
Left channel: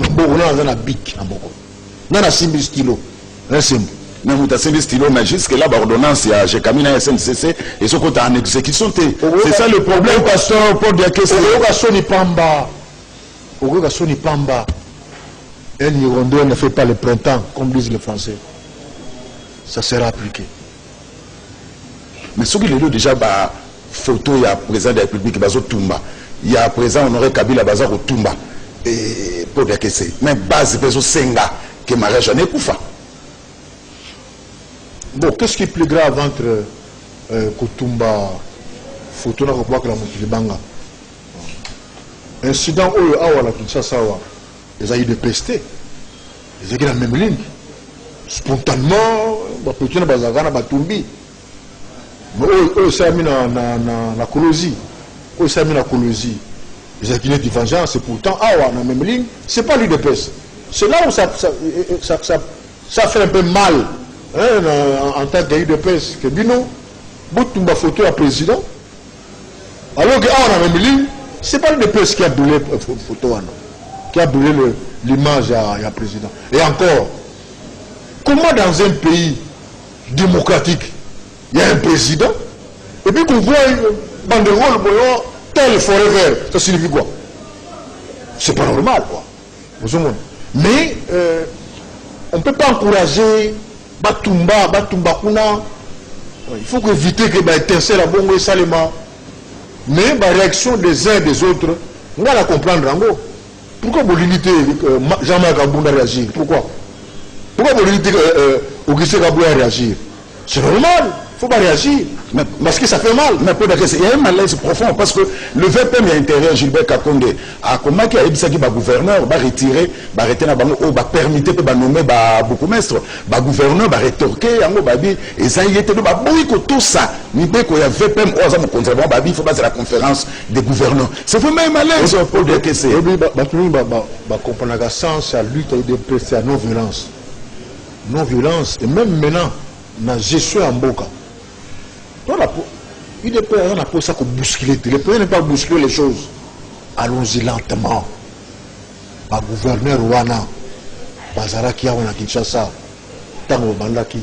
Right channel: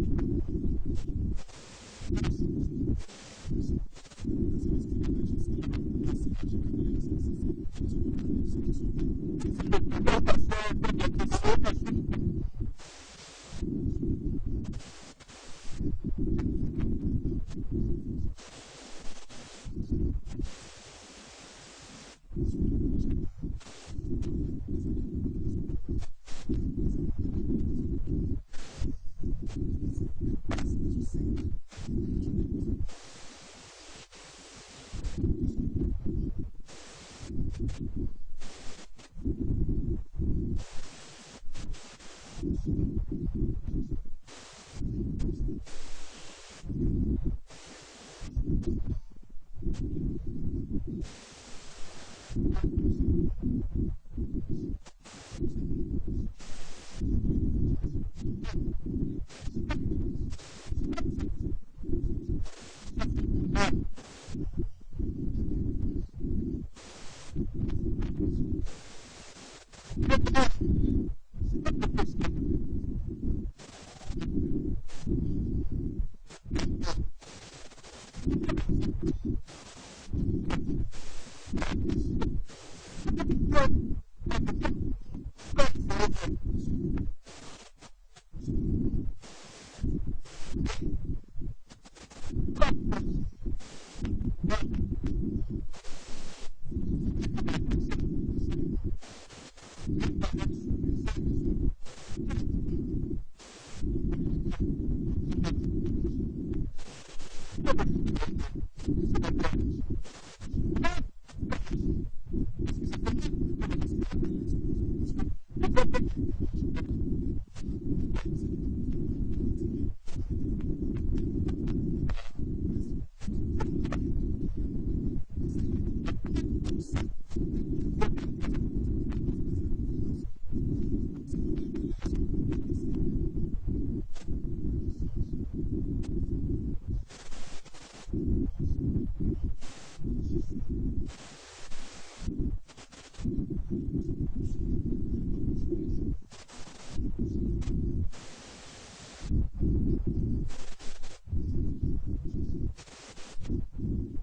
Nous avons un bic. Nous avons un stylo. Un symbole. Mais vous avez un stylo, mais jusque-là, l'ordonnance, il y a Kamina SNCC et ce qu'on a en exécution. C'est ça le problème, pasteur, pour dire que c'est. Un Hirondelle ne fait pas le printemps, comme disent les Français. Ça sera appliqué. Mais ce qu'il y a déjà, photo, il y a le président de la République, il y a le président Honoré Kabila, au Tumba. Et pour dire que c'est. Mais base, il y a Senga, qui est mariage en Ekoufa. Bon, qu'est-ce qui est plus grave entre Kutumba, photo, que la Moukilibanga? Incident où la Kinshasa, ils ont eu des pestés. Ils ont eu la même ligne. Spontanément, ils ont eu Batumbi. Mais eux, ils ont mis la colosie. Eux, ils ont mis la colosie. Ils ont eu des vengeances. Et pourtant, la même ligne, ce n'est pas l'UDPS. C'est là où ça fait un peu mal. En tant qu'UDPS, que Bino, Boutoumba photo à président. Alors que on a même ligne. Ce n'est pas l'UDPS qui a brûlé la photo, qui a brûlé l'image à président. Et encore, comment dans un pays démocratique, il y a un président, et puis qu'on voit une banderole, tel forever, ça signifie quoi? C'est pas normal, quoi. Mais on ne peut pas encourager Batumba Kuna. Il faut éviter que l'étincelle à Bongo et Salema. Mais la réaction des uns et des autres, on va la comprendre en gros. Pourquoi vous limitez Jean-Marc Abouna réagir? Pourquoi vous limitez Augustin Kabou à réagir? C'est normal, il ne faut pas réagir. Mais, parce que ça fait mal. Mais il y a un malaise profond parce que le VPM intérieur, Gilbert Kakonde, a comment qui a dit que le gouverneur va retirer, va arrêter, va permettre, va nommer beaucoup maître, le gouverneur va rétorquer, et ça y était, tout ça, il y a VPM, il faut passer la conférence des gouverneurs. C'est vraiment un malaise pour dire que c'est. Comprendre que sens à lutte et à non-violence. Non-violence, et même maintenant, na gestion en boca. Il n'est pas pour ça qu'on bouscule. Le premier n'est pas bousculer les choses. Allons-y lentement. Le gouverneur Wana, Bazaraki, Wana Kinshasa, Tango Bandaki,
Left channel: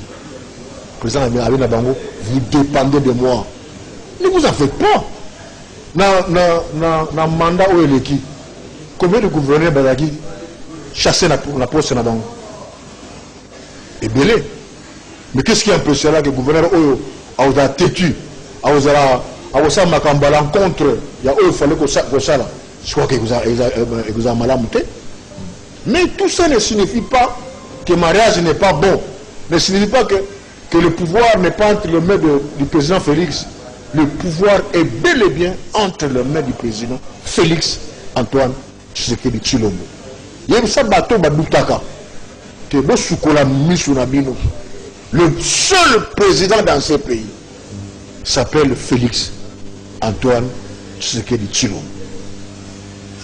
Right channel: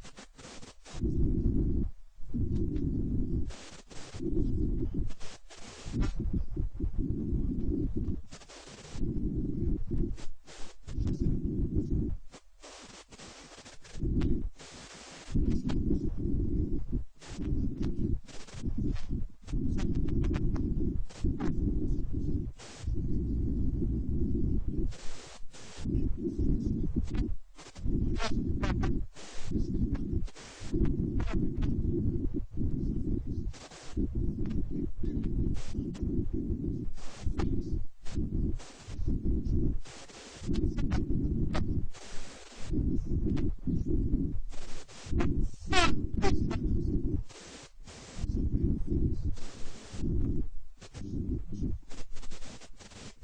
président Abina Bango, vous dépendez de moi. Ne vous en faites pas. Na mandat où est qui? Combien de gouverneurs Bazaraki chassent la poste na Bango? Et belé. Mais qu'est-ce qui est impressionnant que le gouverneur a têtu, a ma l'encontre, il fallait que ça. Je crois qu'il vous a mal monté. Mais tout ça ne signifie pas que le mariage n'est pas bon. Ne signifie pas que le pouvoir n'est pas entre les mains du président Félix. Le pouvoir est bel et bien entre les mains du président Félix Antoine Tshisekedi Tshilombo. Il y a un bateau Badoutaka. Le seul président dans ce pays s'appelle Félix Antoine Tshisekedi Tshilombo.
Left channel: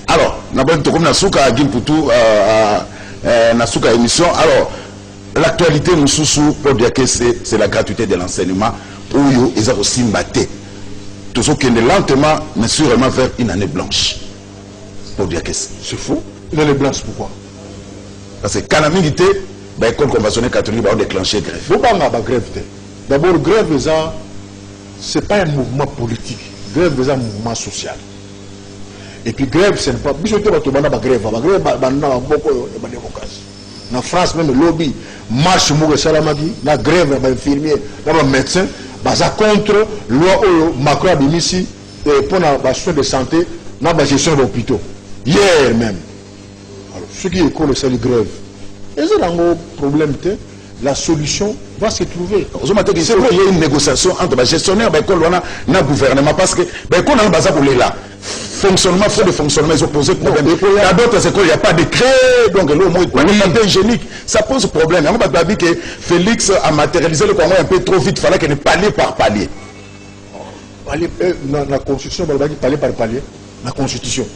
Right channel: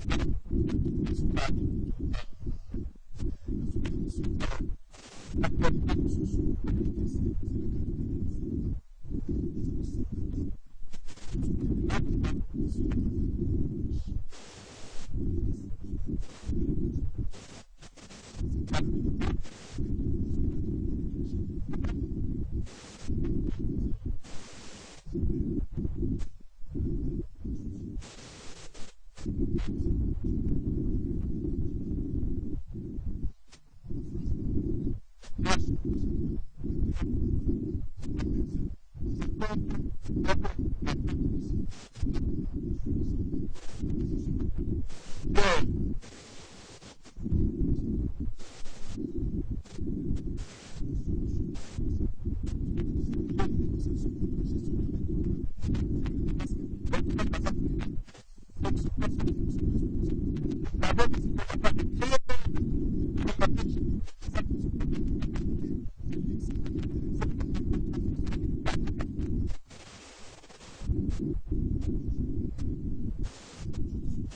Alors, comme Nasuka a dit pour tout, Nasuka émission. Alors, l'actualité nous sous pour dire que c'est la gratuité de l'enseignement où ils ont aussi maté. Tout ce qui est lentement, mais sûrement vers une année blanche. Pour dire que c'est fou. Une année blanche, pourquoi? Parce que quand la milité, l'école conventionnelle catholique va déclencher grève. Vous parlez de grève. D'abord, grève, ce n'est pas un mouvement politique. Grève, c'est un mouvement social. Et puis, grève, ce n'est pas. En France, même le lobby marche la grève, les infirmiers, les médecins, contre la loi Macron Abimisi pour la soins de santé, la gestion des hôpitaux. Hier même. Alors, ceux qui écoutent c'est la grève. Et c'est un problème, la solution va se trouver. Il y a une négociation entre les gestionnaires et le gouvernement parce que on a besoin de là. Fonctionnement, fait de fonctionnement, ils ont posé problème. Il y a d'autres écoles, il n'y a pas de décret, donc le mot est hygiénique. Ça pose problème. On va dire que Félix a matérialisé le Congo un peu trop vite, il fallait qu'il palier par palier. La Constitution, il faut palier par palier. La Constitution.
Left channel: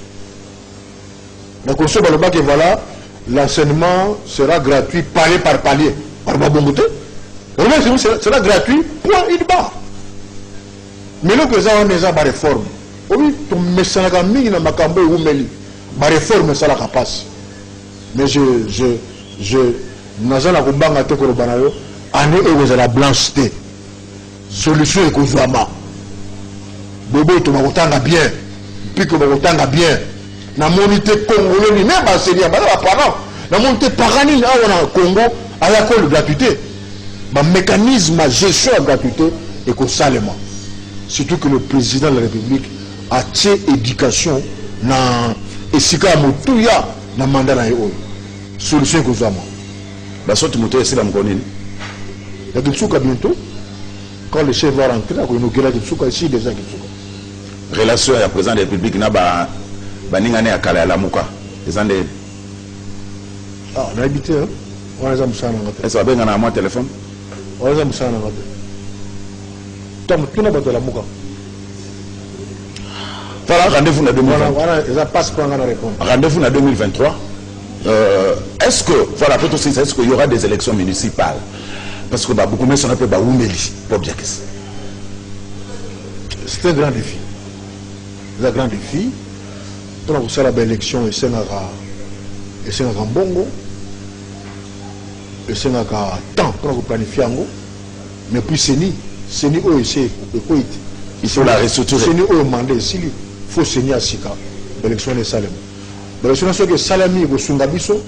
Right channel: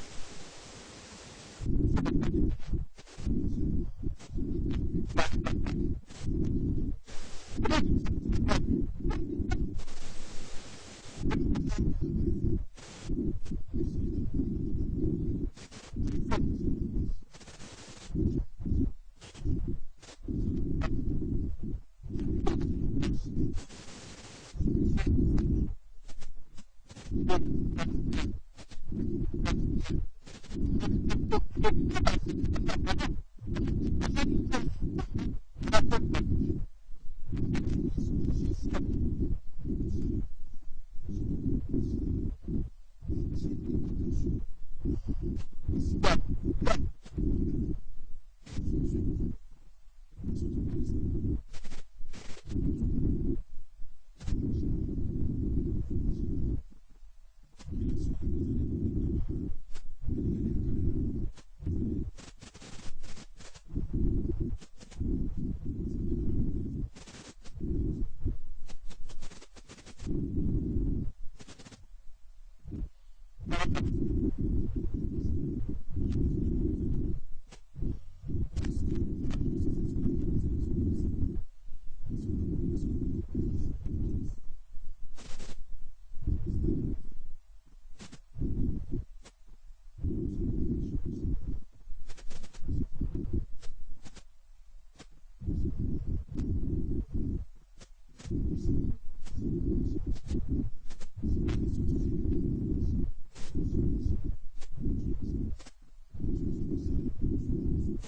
La Constitution, il faut que voilà. L'enseignement sera gratuit, palier par palier. Sera gratuit, point, il bat. Mais le président on est en réforme. Oui, ton message à mi na makambo ou meli. Ma réforme ça la capace. Mais je nazana kumbanga te ko banayo, année et vous la blancheté. Solution est kozwama. Bobo to makotanga bien. Puis que makotanga bien. Na monité congolais ni même enseigner ba parents la monité parani là on a Congo à la col gratuité ba mécanisme de gestion de gratuité et que salement surtout que le président de la République a tiré éducation na esika motuya na mandat na yo solution que zama ba sorte moto esi la mkonini ya kitsuka bientôt quand le chef va rentrer à inaugurer kitsuka ici déjà kitsuka relation ya président de la République na ba baningane ya kala ya lamuka ezande on a habité on a musana ngate ça va bien na moi téléphone on a musana ngate tom tuna ba de lamuka voilà rendez-vous na 2023 voilà ça passe pas ngana répondre rendez-vous na 2023 est-ce que voilà peut aussi est-ce qu'il y aura des élections municipales parce que beaucoup mais ça n'a pas oumeli pour dire que c'est un grand défi. C'est un grand défi. Donc, ça, l'élection, et c'est un bongo, et c'est un temps pour planifier. Mais puis, c'est ni, il faut la restructurer. C'est ni, au mandat, il faut signer à Sika, l'élection de Salem. L'élection de Salami, il faut Sungabiso,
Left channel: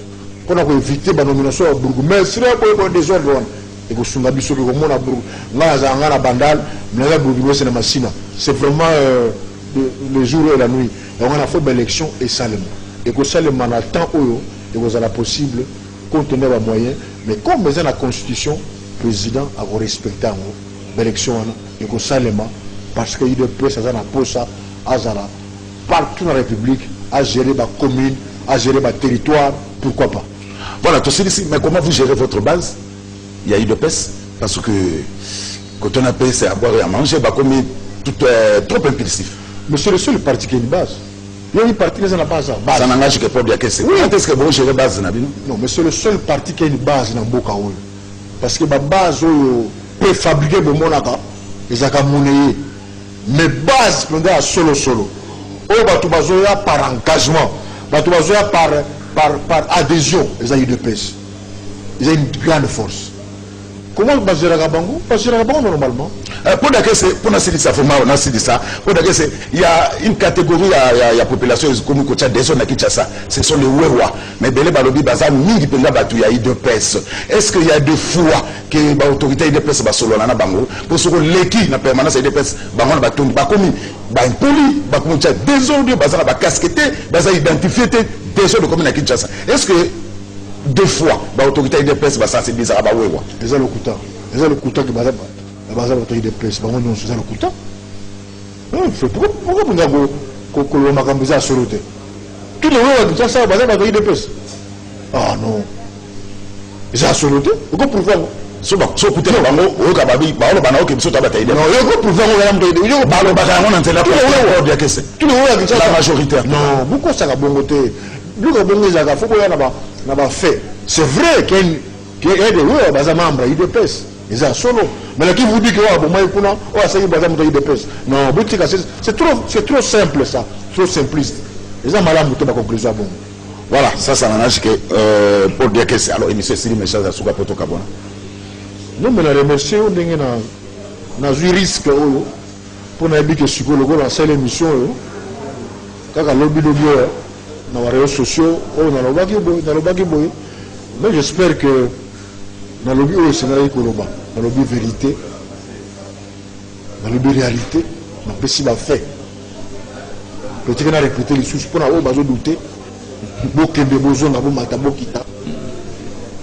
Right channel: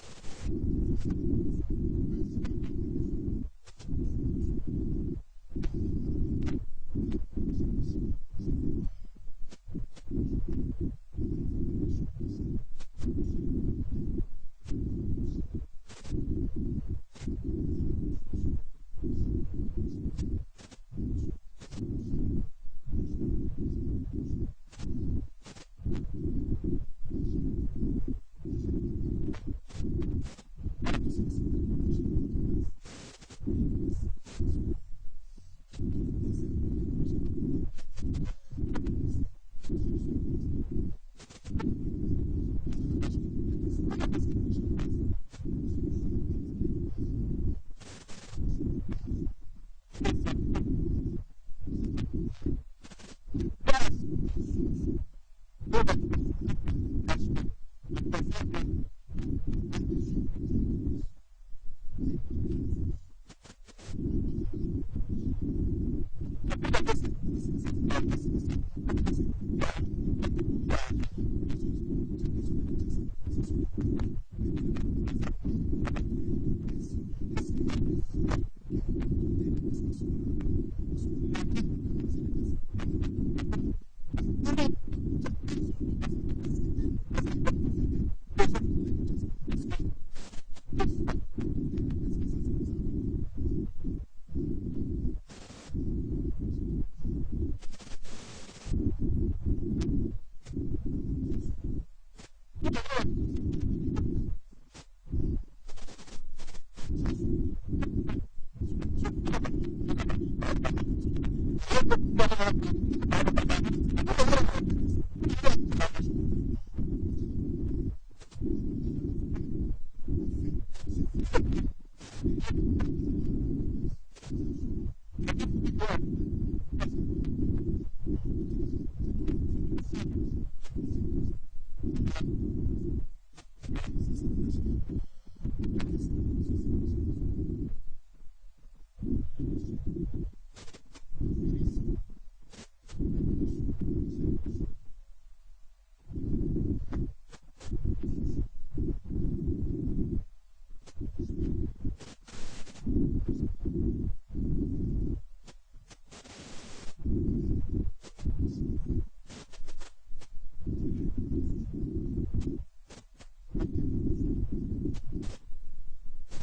pour éviter la nomination à Bourgoumestre, il faut des ordres. Il faut Sungabiso, il faut Mona Bourg, là, il y a un bandal, mais là, Bourgoumestre, c'est Massina. C'est vraiment le jour et la nuit. Donc on a fait l'élection et seulement. Et que seulement on a le temps où et vous avez possible compte tenu des moyens. Mais comme dans la constitution, le président a respecté l'élection et que seulement parce qu'il y a des personnes qui ont ça partout dans la République à gérer la commune, à gérer le territoire, pourquoi pas. Voilà, tout ici, mais comment vous gérez votre base? Il y a eu de pèse, parce que quand on a payé, c'est à boire et à manger, bah, comme tout trop impulsif. Mais c'est le seul parti qui a une base. Il y a une partie qui n'a pas ça. Ça n'engage que pour dire que c'est. Oui. Quand est-ce que vous gérez base? Non, mais c'est le seul parti qui a une base dans Boka. Parce que la base peut fabriquer le monaka, et ça peut monnayer. Mais base, pendant solo. Oh, par engagement, par adhésion, ils ont eu de pèse. Ils ont une grande force. Comment on va gérer la Bango? On va gérer la Bango normalement. Pour dire que c'est, pour nous dire ça, pour dire que c'est, il y a une catégorie, il y a population, comme des zones qui ça, ce sont les Wewa. Mais Belé Balobi Baza, mille de il y a eu de pèse. Est-ce qu'il y a des fois que l'autorité de pèse va solo na Bango? Pour ce que l'équipe na permanence de pèse, Bango va tomber, va comme, va impoli, va comme désordre, Baza va casqueter, Baza identifier des zones de commune à Kinshasa. Est-ce que deux fois, l'autorité de presse va sensibiliser à Bawewa. Ils ont le couteau. Ils ont le couteau qui va l'autorité de presse. Ils ont le couteau. Pourquoi vous avez que Macambisa a soloté? Tous les gens qui ont ça, ils ont l'autorité de presse. Ah non. Ils ont soloté. Pourquoi pour voir? So écoutez le bango, au Kababi, Baolo Banao qui me bataille. Non, il y a pour voir il y a Balo Bataillon dans la tous les gens qui ont la majorité. Non, pourquoi ça a bon côté? Nous avons fait. C'est vrai qu'il y a des membres de presse. Ils sont solo. Mais qui vous dit que non, c'est trop simple ça. Trop simpliste. Ils ont mal à la conclusion. Voilà, ça n'engage que pour dire que c'est. Alors, M. Sili Méchaz a souka poto kabona. Non, mais la remercier, on a eu risque pour nous dire que psychologue dans cette émission. Quand on a lobby, dans les réseaux sociaux, mais j'espère que dans le lobby, c'est dans le lobby vérité, dans le lobby réalité, on peut s'y faire. Peut-être qu'on a répété les sources pour avoir besoin de douter.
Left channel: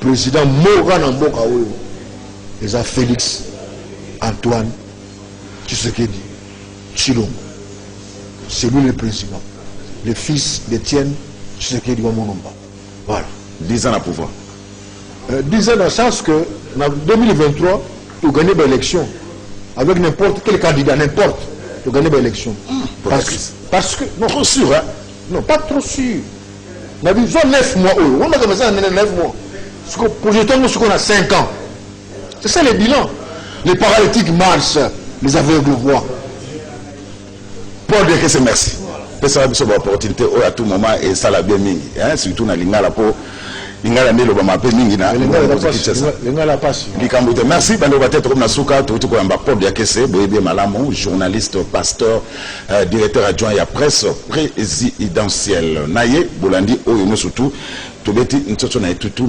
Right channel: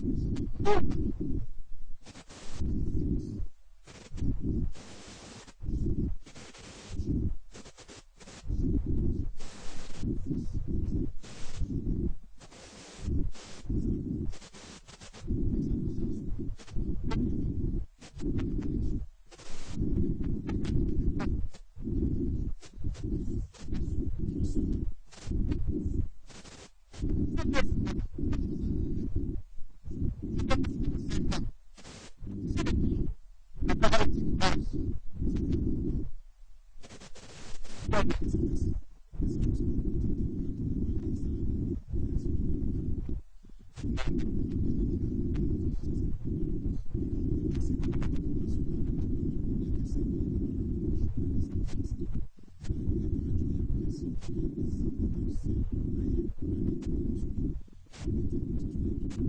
Président Morgan Mboka, les a Félix Antoine Tshisekedi Tshilombo. C'est lui le principal. Le fils d'Étienne Tshisekedi Wamonomba. Voilà. 10 ans à pouvoir. 10 ans dans le sens que, en 2023, tu gagnes l'élection. Avec n'importe quel candidat, n'importe, tu gagnes l'élection. Parce que. Non, trop sûr, hein? Non, pas trop sûr. On a besoin de 9 mois. On a commencé à 9 mois. Pour jeter ce qu'on a 5 ans. C'est ça le bilan. Les paralytiques marchent, les aveugles voient. Pour dire que c'est merci. Ça va être une opportunité à tout moment et ça l'a bien mis. Surtout dans l'Ingala pour l'Ingala Nelo va m'appeler Mingina. Merci. Bando va être comme Nasuka, tout comme un port de Yakese, Boébé Malamo, journaliste, pasteur, directeur adjoint et à presse présidentielle. Naye, Bolandi, Oyono surtout.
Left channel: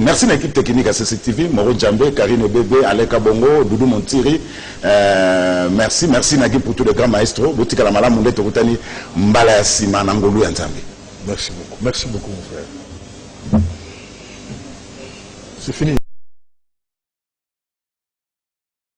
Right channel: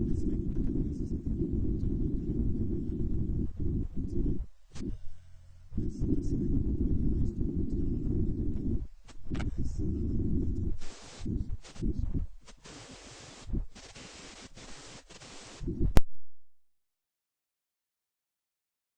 Merci à l'équipe technique à CCTV, Moro Djambé, Karine Bébé, Aleka Bongo, Doudou Montiri. Merci Nagui pour tous les grands maestros. Boutika la Malam Moundé Tokutani, Mbala Sima, Nangolou Yantambi. Merci beaucoup mon frère. C'est fini.